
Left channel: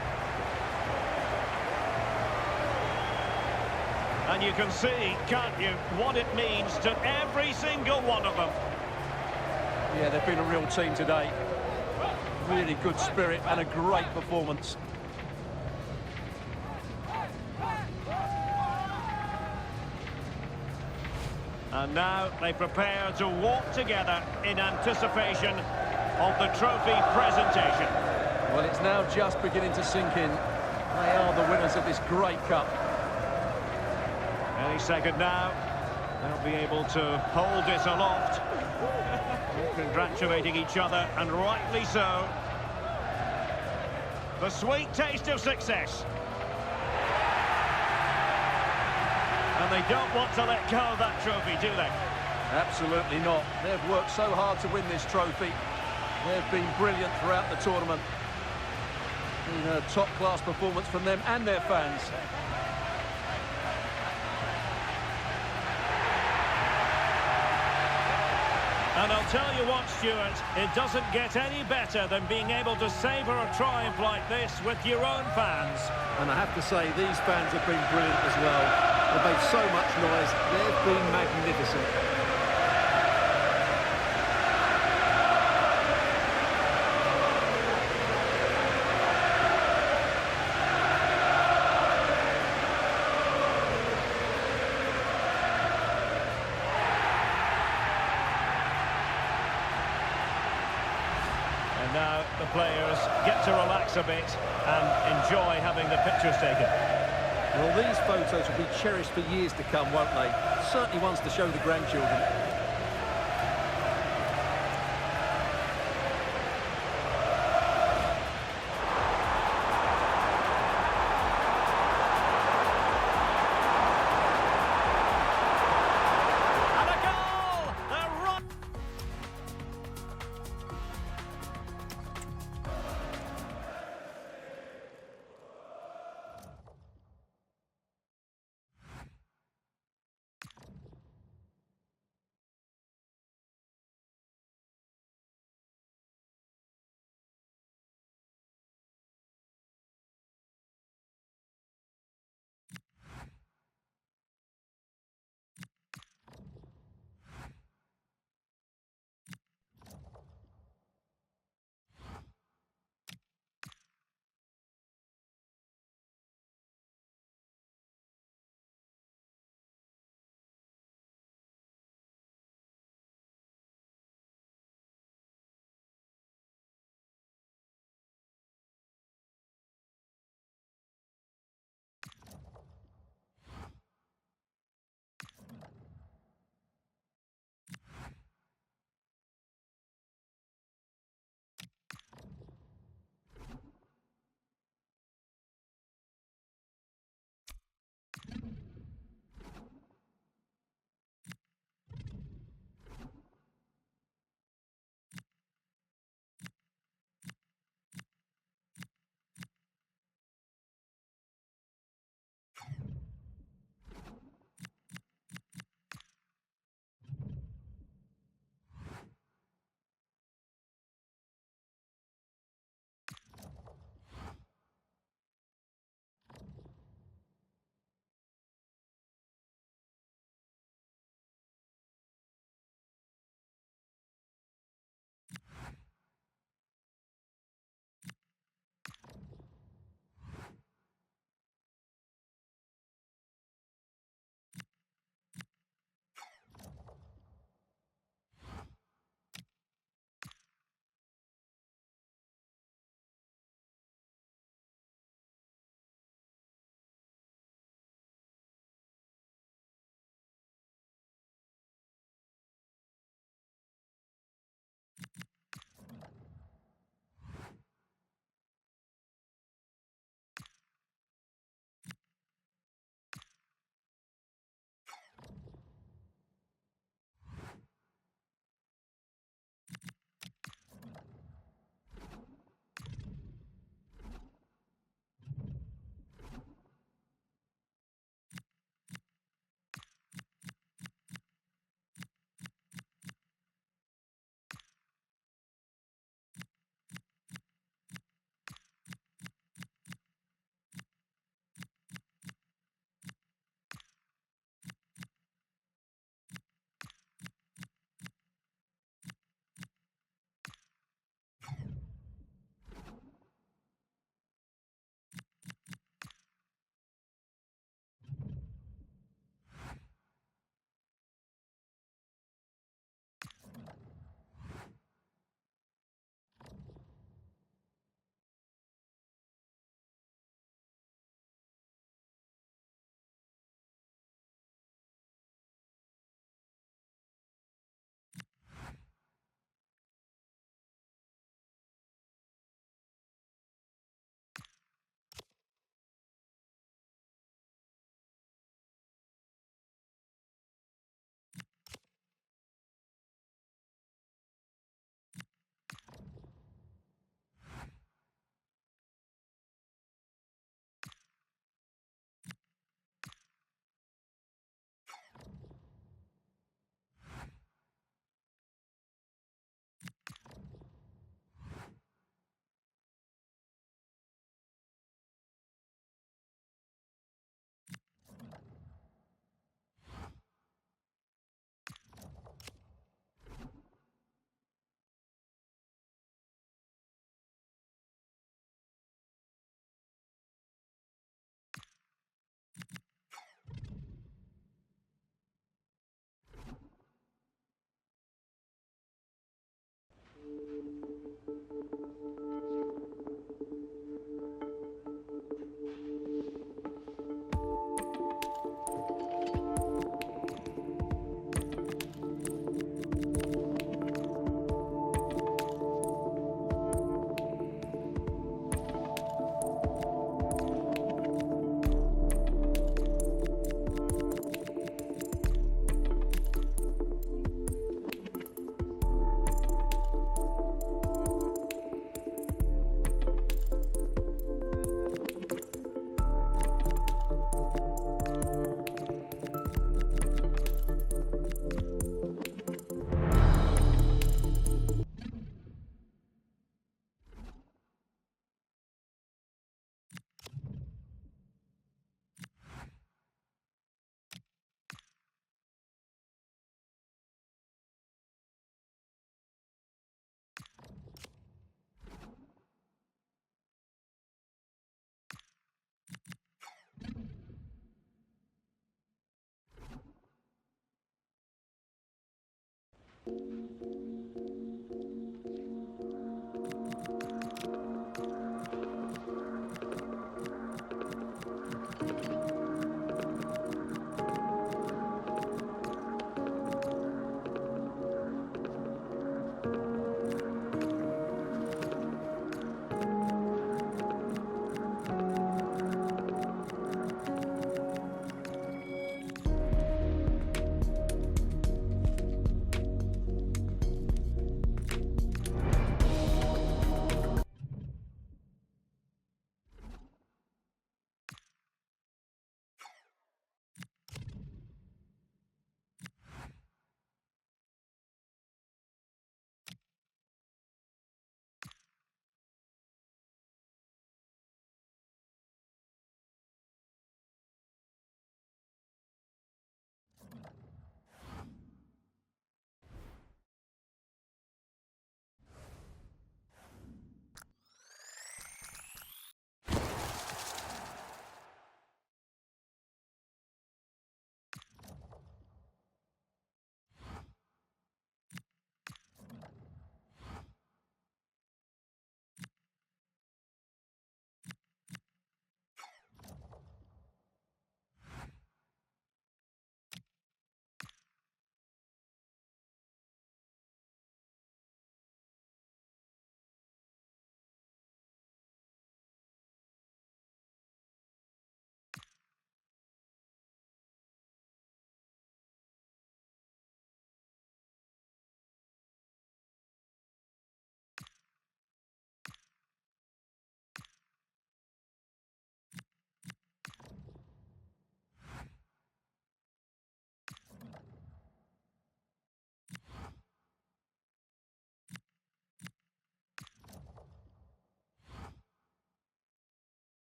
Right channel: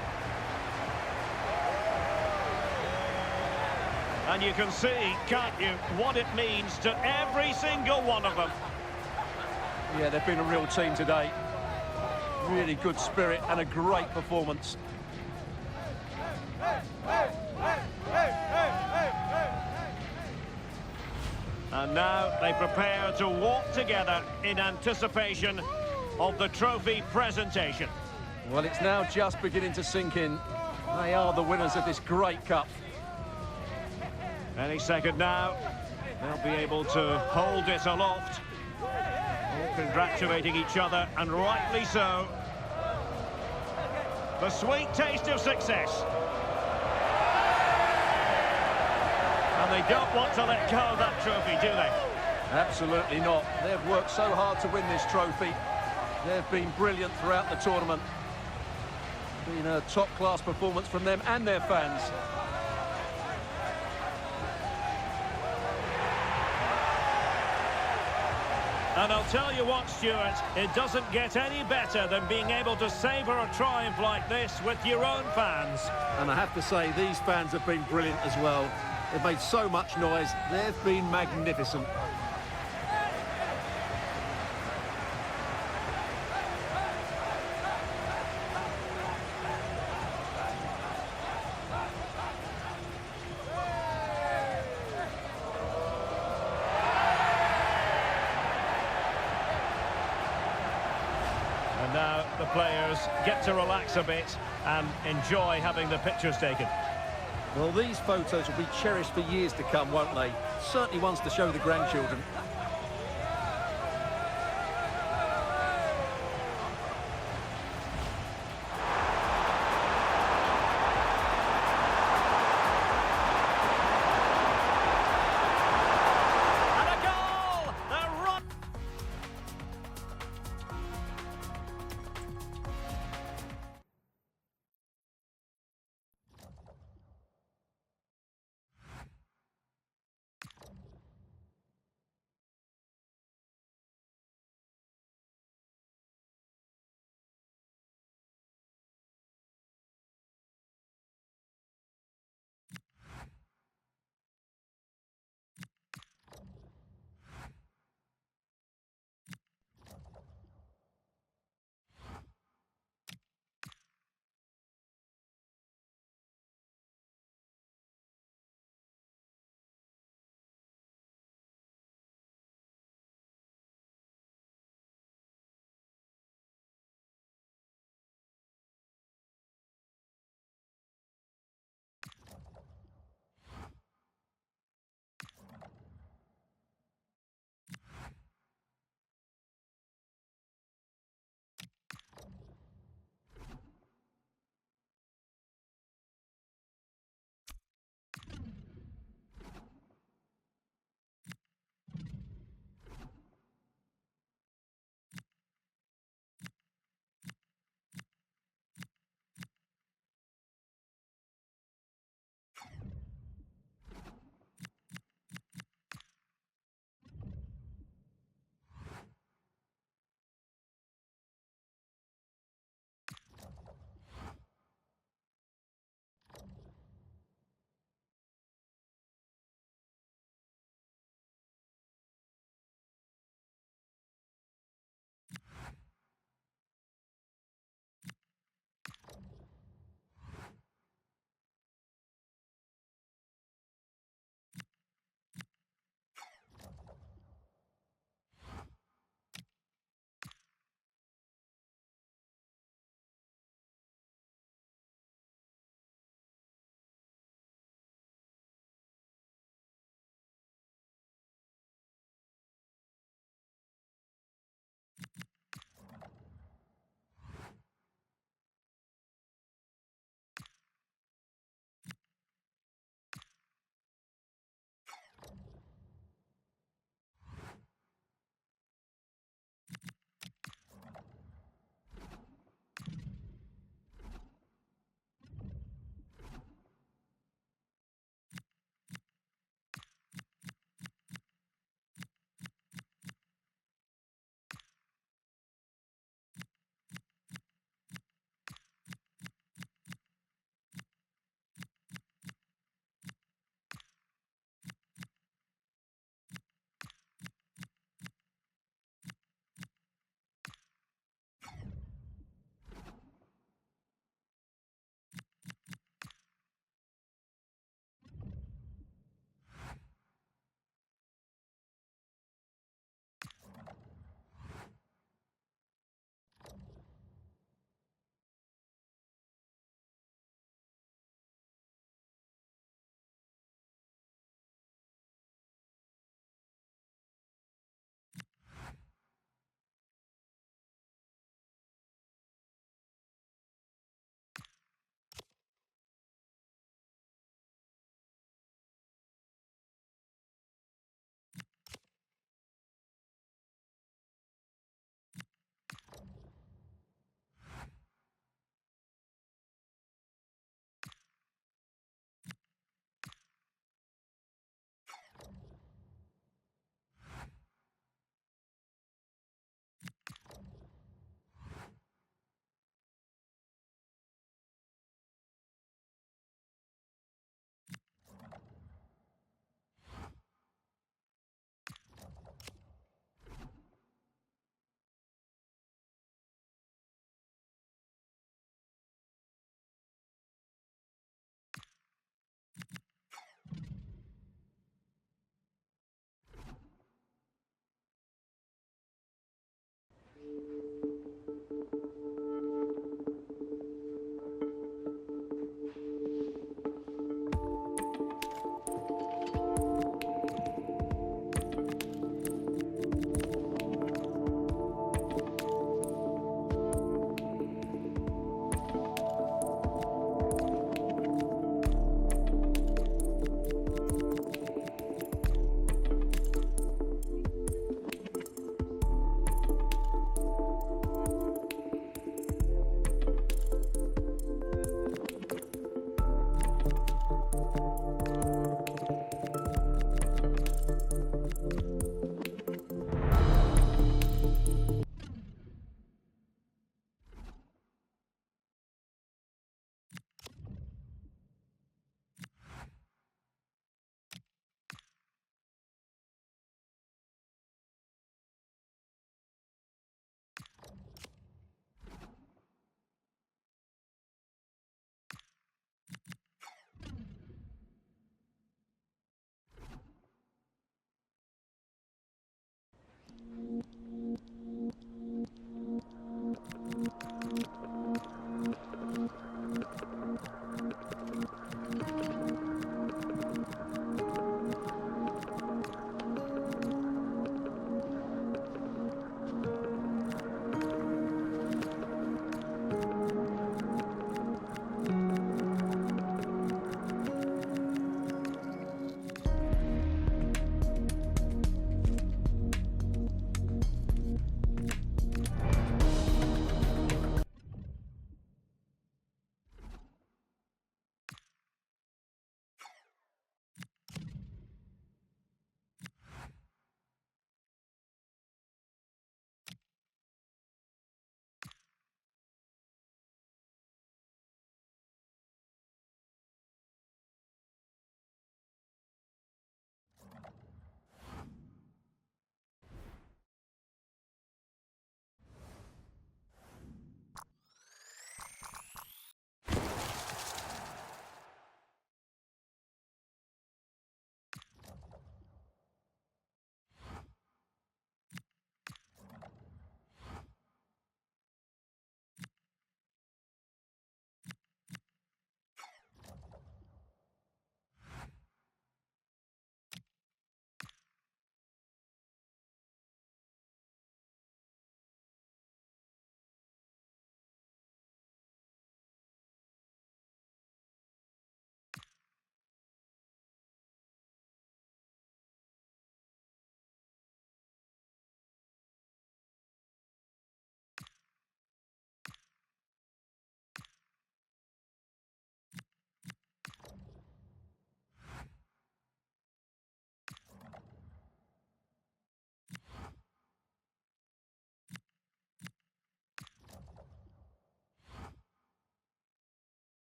And you can see, can't you, what it means to every single one of them. Yeah, they've been a real team today. Really good spirit and a great performance. And now they prepare to walk together in anticipation of the trophy presentation. Well, it's now just beginning to sink in. They are the winners of this great cup. Any second now, they'll be able to hold it aloft. All congratulating each other, and rightly so. The sweet taste of success. And they don't want to let go of that trophy, do they? Absolutely not. They've worked so hard to win this trophy. They've been brilliant throughout the tournament. Been a top-class performance from them and their fans. And I'll tell you what, Stuart, it doesn't get any better than being able to savour a triumph like this with your own fans. And I have to say, these fans have been brilliant as well. They've made so much noise. They've been magnificent. And now the players get to relax a bit and enjoy having the pictures taken. Well, these photos will be cherished for years to come, won't they? Certainly ones to show the grandchildren.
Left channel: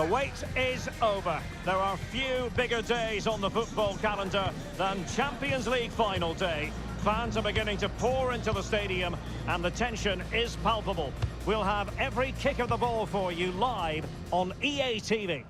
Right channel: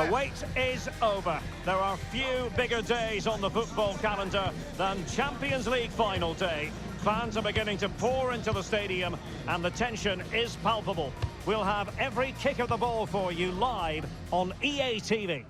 The wait is over. There are few bigger days on the football calendar than Champions League final day. Fans are beginning to pour into the stadium and the tension is palpable. We'll have every kick of the ball for you live on EA TV.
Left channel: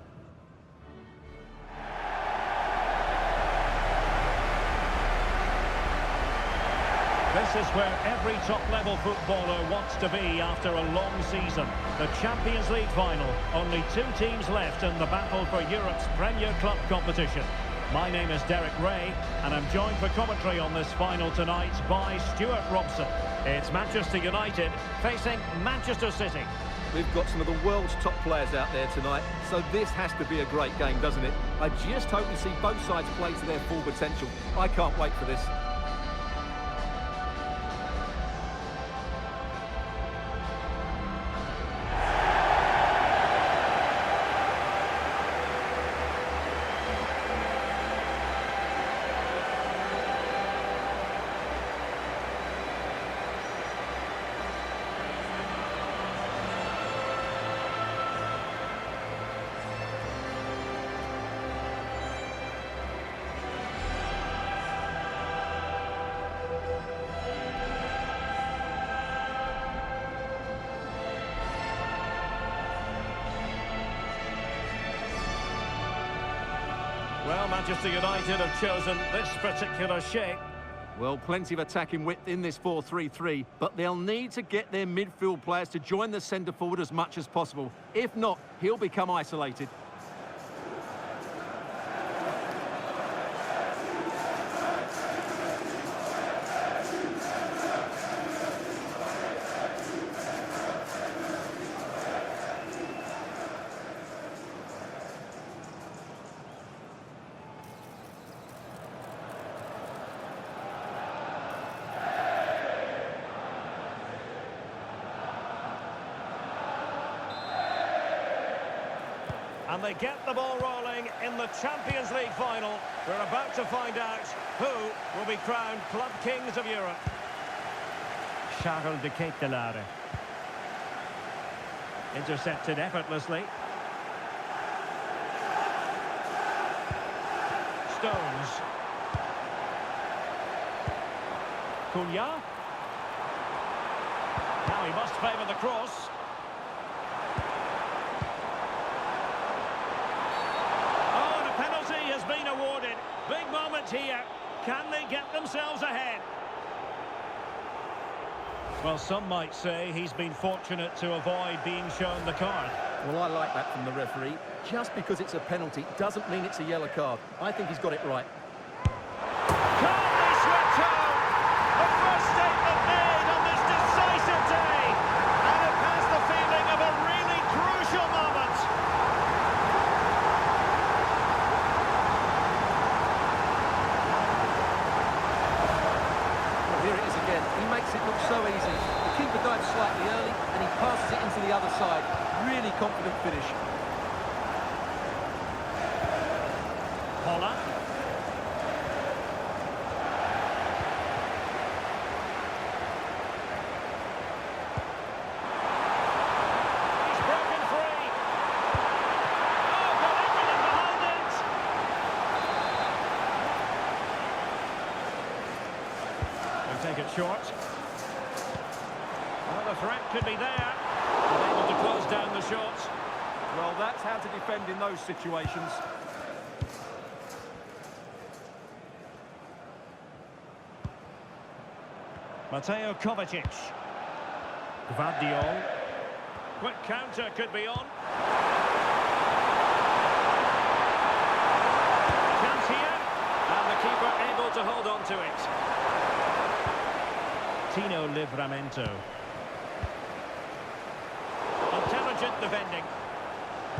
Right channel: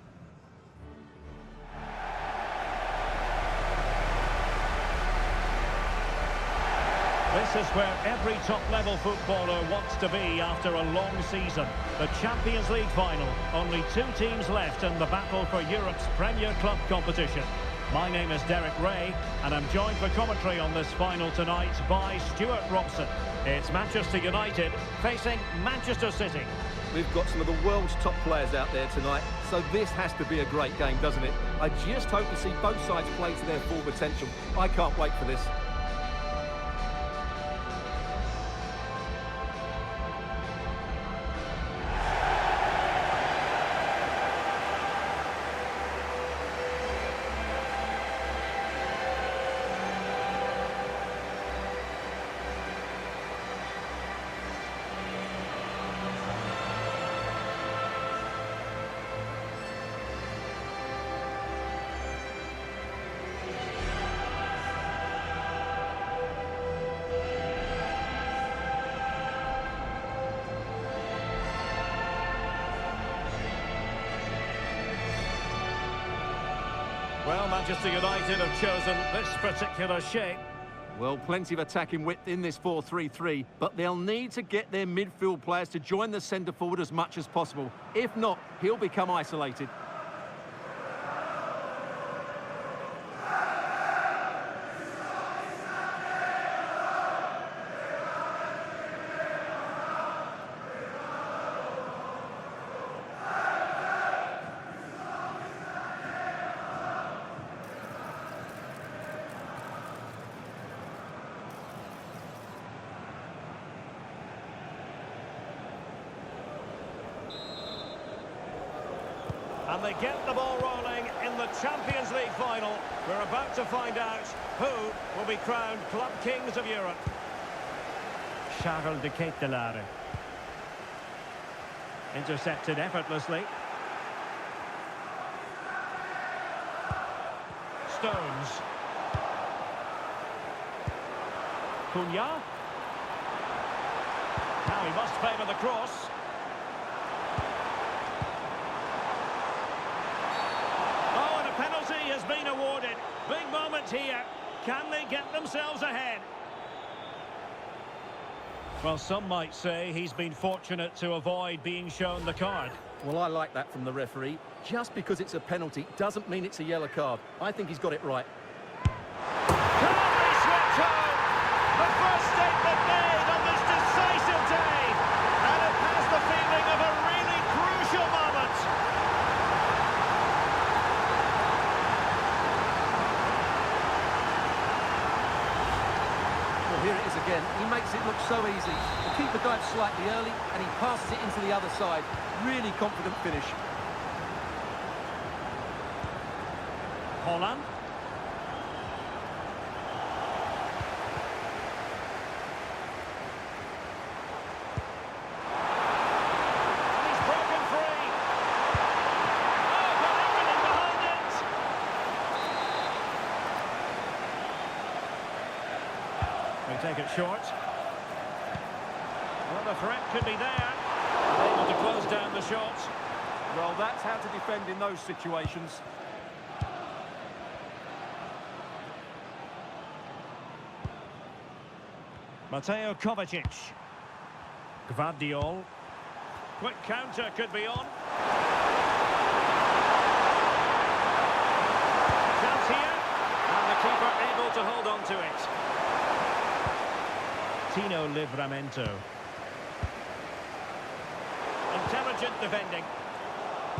This is where every top-level footballer wants to be after a long season. The Champions League final. Only 2 teams left in the battle for Europe's Premier Club competition. My name is Derek Ray, and I'm joined for commentary on this final tonight by Stuart Robson. It's Manchester United facing Manchester City. We've got some of the world's top players out there tonight, so this has to be a great game, doesn't it? I just hope we see both sides play to their full potential. I can't wait for this. Well, Manchester United have chosen this particular shape. Well, plenty of attacking width in this 4-3-3, but they'll need to get their midfield players to join the centre forward as much as possible. If not, he'll become isolated. And they get the ball rolling in the Champions League final. We're about to find out who will be crowned Club Kings of Europe. Charles de Ketelaere. Intercepted effortlessly. Stones. Cunha. Now he must favour the cross. Penalty has been awarded. Big moment here. Can they get themselves ahead? Well, some might say he's been fortunate to avoid being shown the card. Well, I like that from the referee. Just because it's a penalty doesn't mean it's a yellow card. I think he's got it right. Calmly swept home. The first statement made on this decisive day. And it has the feeling of a really crucial moment. Well, here it is again. He makes it look so easy. The keeper dives slightly early, and he passes it into the other side. Really confident finish. Holland. He's broken free. Oh, got everything behind it. They take it short. Well, the threat could be there. Able to close down the shot. Well, that's how to defend in those situations. Mateo Kovacic. Gvardiol. Quick counter could be on. Chance here. And the keeper able to hold on to it. Tino Livramento. Intelligent defending.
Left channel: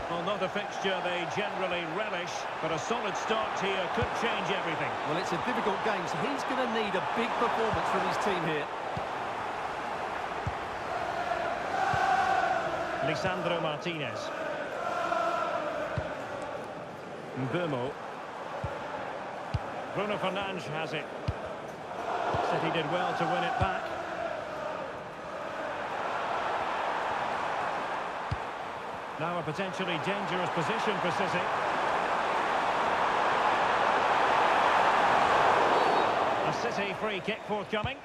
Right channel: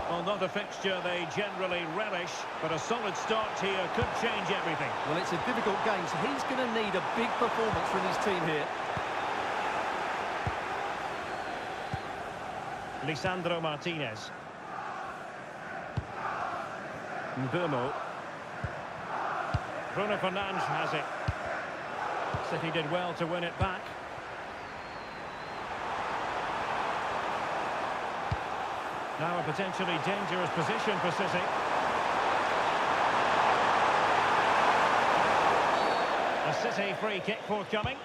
Well, not a fixture they generally relish, but a solid start here could change everything. Well, it's a difficult game, so he's going to need a big performance from his team here. Lisandro Martinez. Mbumo. Bruno Fernandes has it. City did well to win it back. Now a potentially dangerous position for City. A City free kick forthcoming.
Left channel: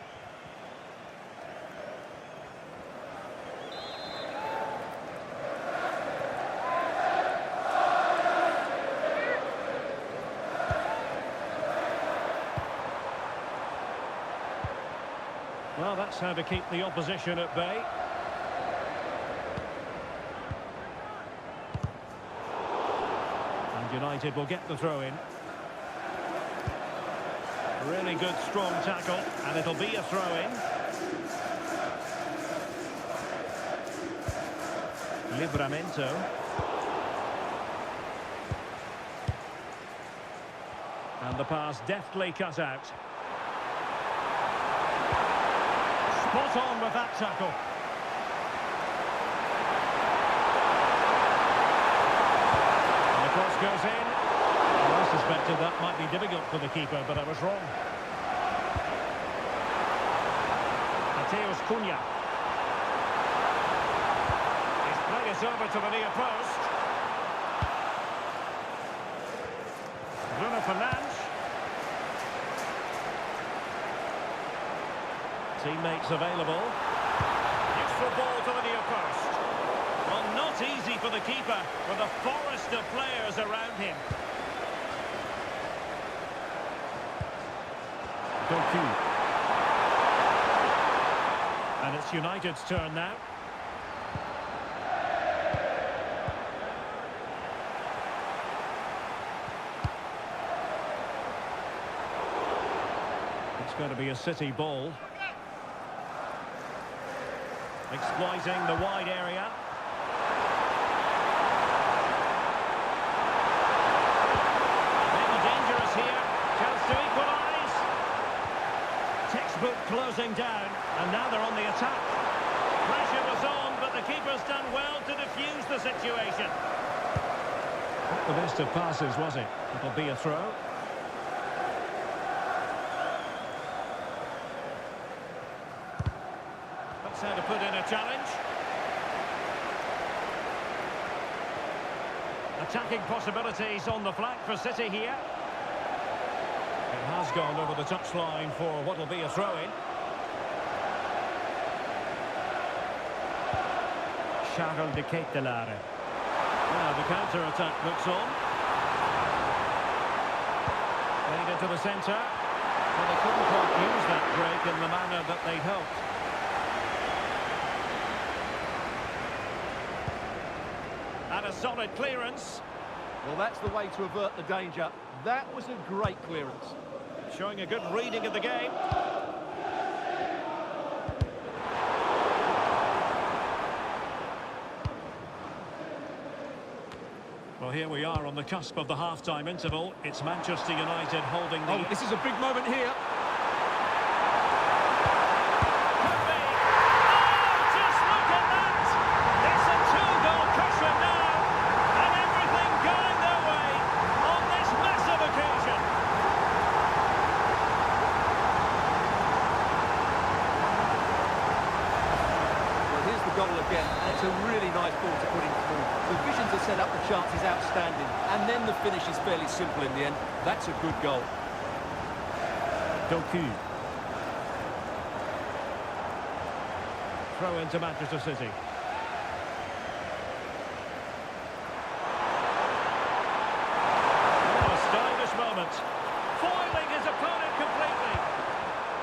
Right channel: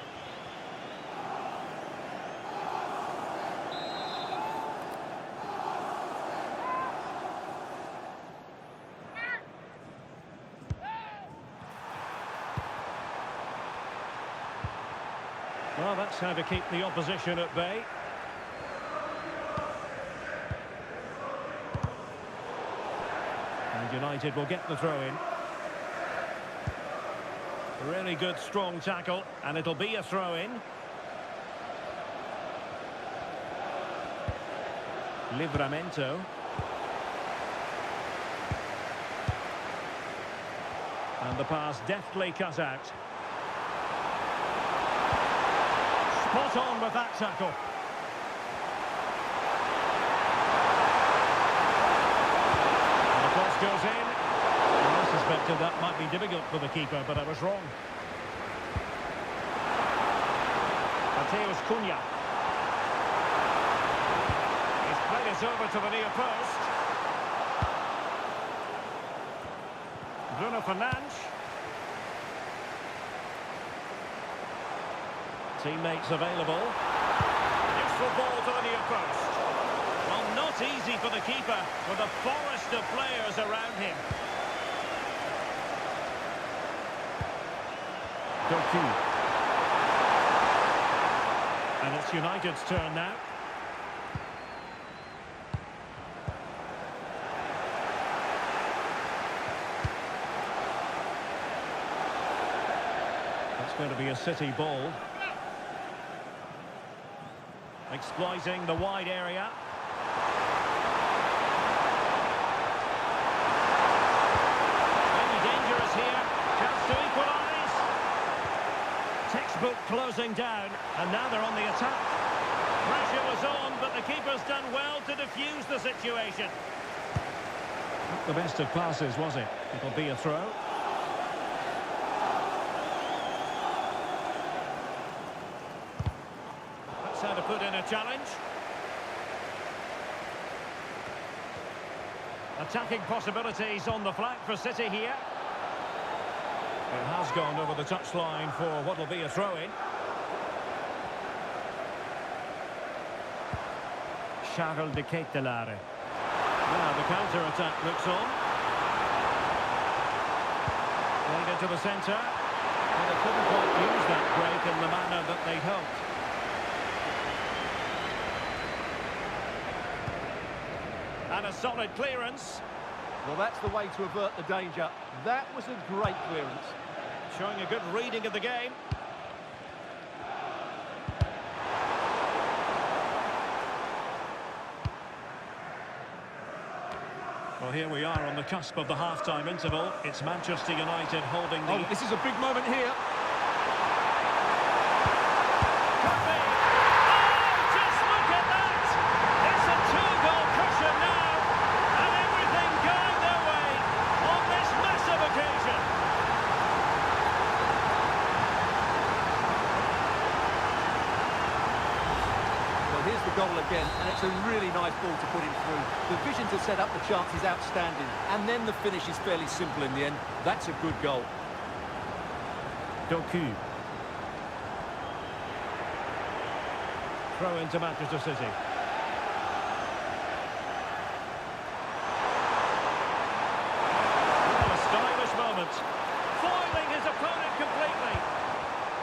Well, that's how to keep the opposition at bay. And United will get the throw in. Really good, strong tackle, and it'll be a throw in. Livramento. And the pass deftly cut out. Spot on with that tackle. And the cross goes in. Well, I suspected that might be difficult for the keeper, but I was wrong. Mateus Cunha. He's played it over to the near post. Bruno Fernandes. Teammates available. Useful ball to the near post. Well, not easy for the keeper with a forest of players around him. Doku. And it's United's turn now. It's going to be a City ball. Exploiting the wide area. Maybe dangerous here. Chance to equalise. Textbook closing down, and now they're on the attack. Pressure was on, but the keeper's done well to defuse the situation. Not the best of passes, was it? It'll be a throw. That's how to put in a challenge. Attacking possibilities on the flank for City here. It has gone over the touchline for what will be a throw-in. Charles de Ketelaere. Now the counter-attack looks on. Played into the centre. Well, they couldn't quite use that break in the manner that they'd hoped. And a solid clearance. Well, that's the way to avert the danger. That was a great clearance. Showing a good reading of the game. Well, here we are on the cusp of the half-time interval. It's Manchester United holding the... Oh, this is a big moment here. Could be. Oh, just look at that! It's a two-goal cushion now. And everything going their way on this massive occasion. Well, here's the goal again, and it's a really nice ball to put him through. The vision to set up the chance is outstanding, and then the finish is fairly simple in the end. That's a good goal. Doku. Throw into Manchester City. Oh, a stylish moment. Foiling his opponent completely.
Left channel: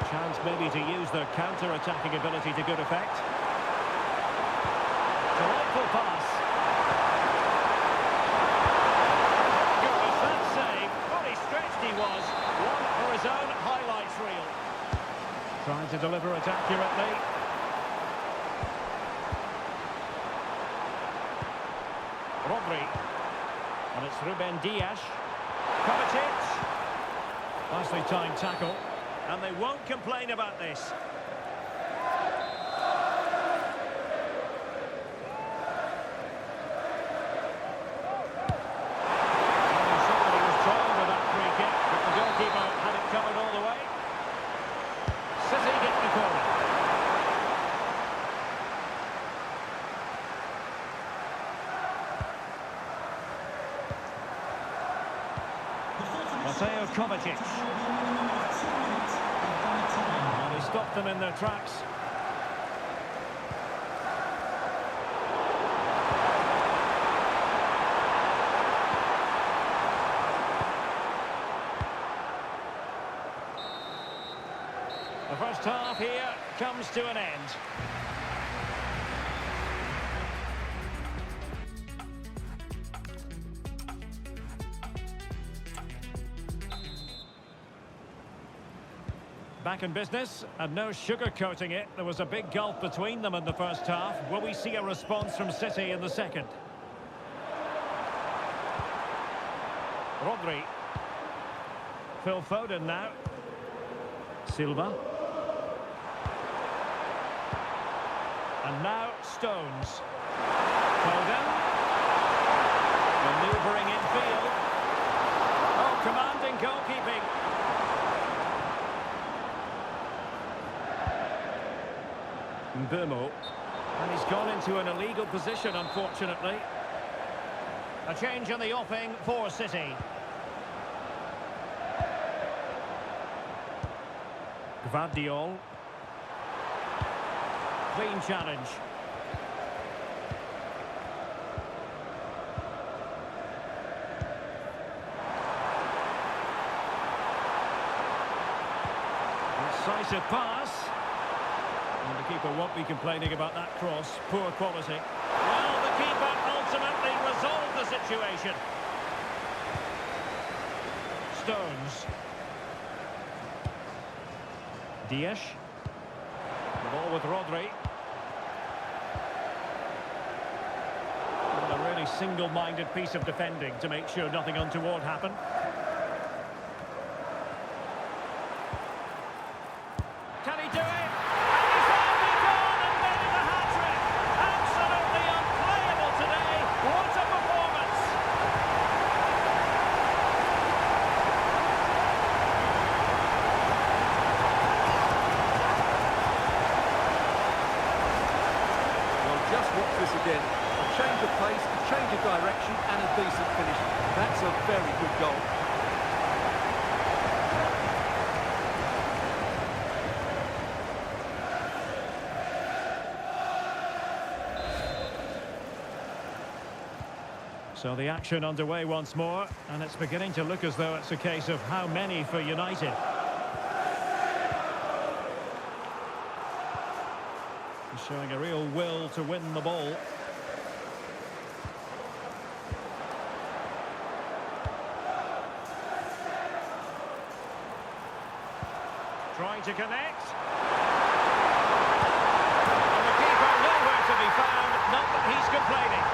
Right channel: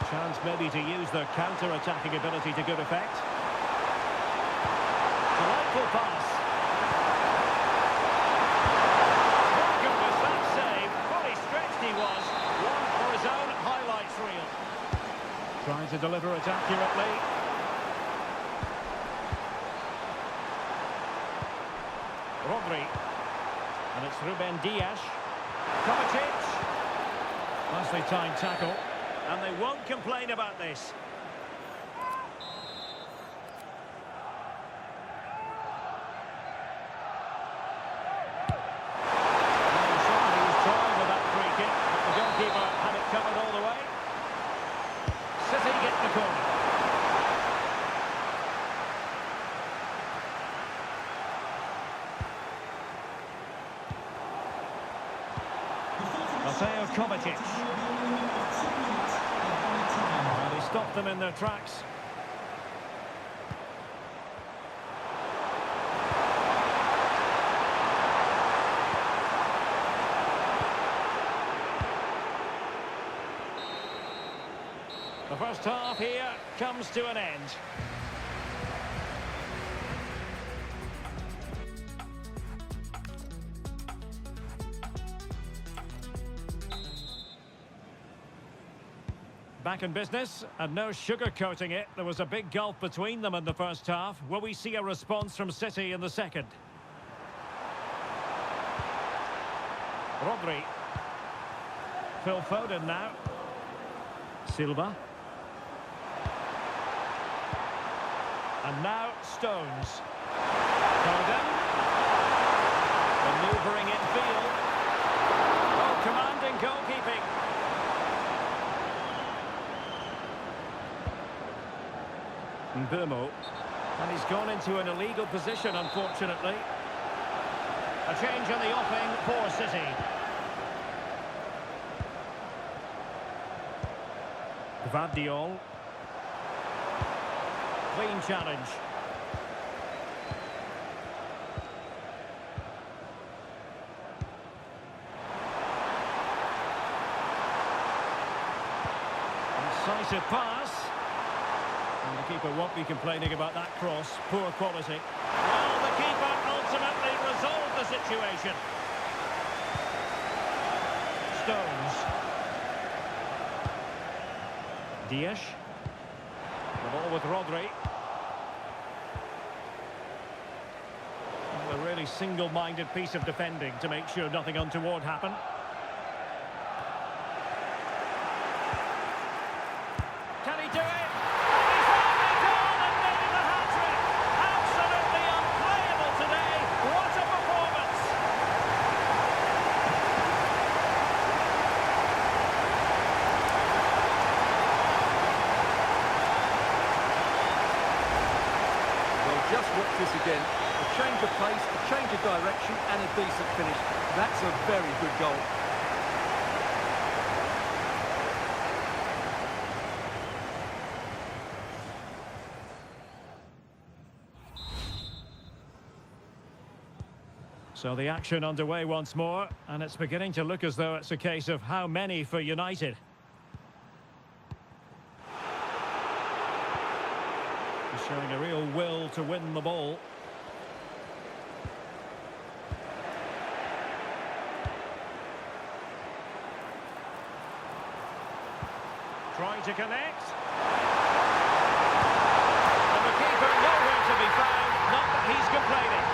Chance maybe to use their counter-attacking ability to good effect. Delightful pass. My goodness, that save. Fully stretched he was. One for his own highlights reel. Trying to deliver it accurately. Rodri. And it's Ruben Dias. Kovacic. Nicely timed tackle. And they won't complain about this. The goalkeeper had it covered all the way. City get the corner. Mateo Kovacic. And he stopped them in their tracks. The first half here comes to an end. Back in business, and no sugarcoating it. There was a big gulf between them in the first half. Will we see a response from City in the second? Rodri. Phil Foden now. Silva. And now Stones. Foden. Manoeuvring infield. Oh, commanding goalkeeping. Mbeumo. And he's gone into an illegal position, unfortunately. A change in the offing for City. Gvardiol. Clean challenge. Incisive pass. And the keeper won't be complaining about that cross. Poor quality. Well, the keeper ultimately resolved the situation. Stones. Dias. The ball with Rodri. And a really single-minded piece of defending to make sure nothing untoward happened. Can he do it? And he's only gone and made it a hat-trick. Absolutely unplayable today. What a performance! Well, just watch this again. A change of pace, a change of direction, and a decent finish. That's a very good goal. So the action underway once more, and it's beginning to look as though it's a case of how many for United. He's showing a real will to win the ball. Trying to connect. And the keeper nowhere to be found, not that he's complaining.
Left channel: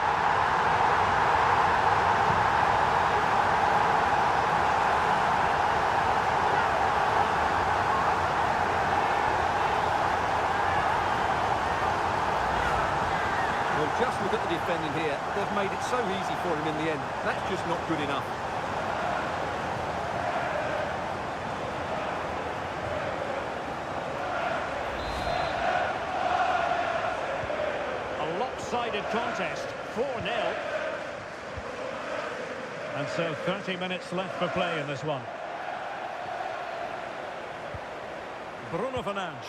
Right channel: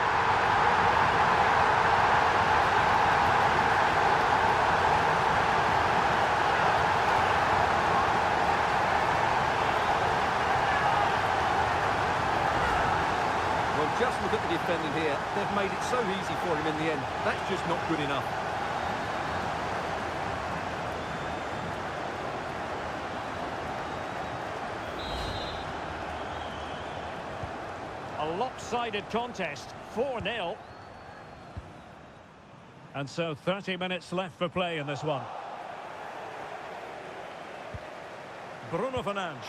Well, just look at the defending here. They've made it so easy for him in the end. That's just not good enough. A lopsided contest, 4-0. And so 30 minutes left for play in this one. Bruno Fernandes.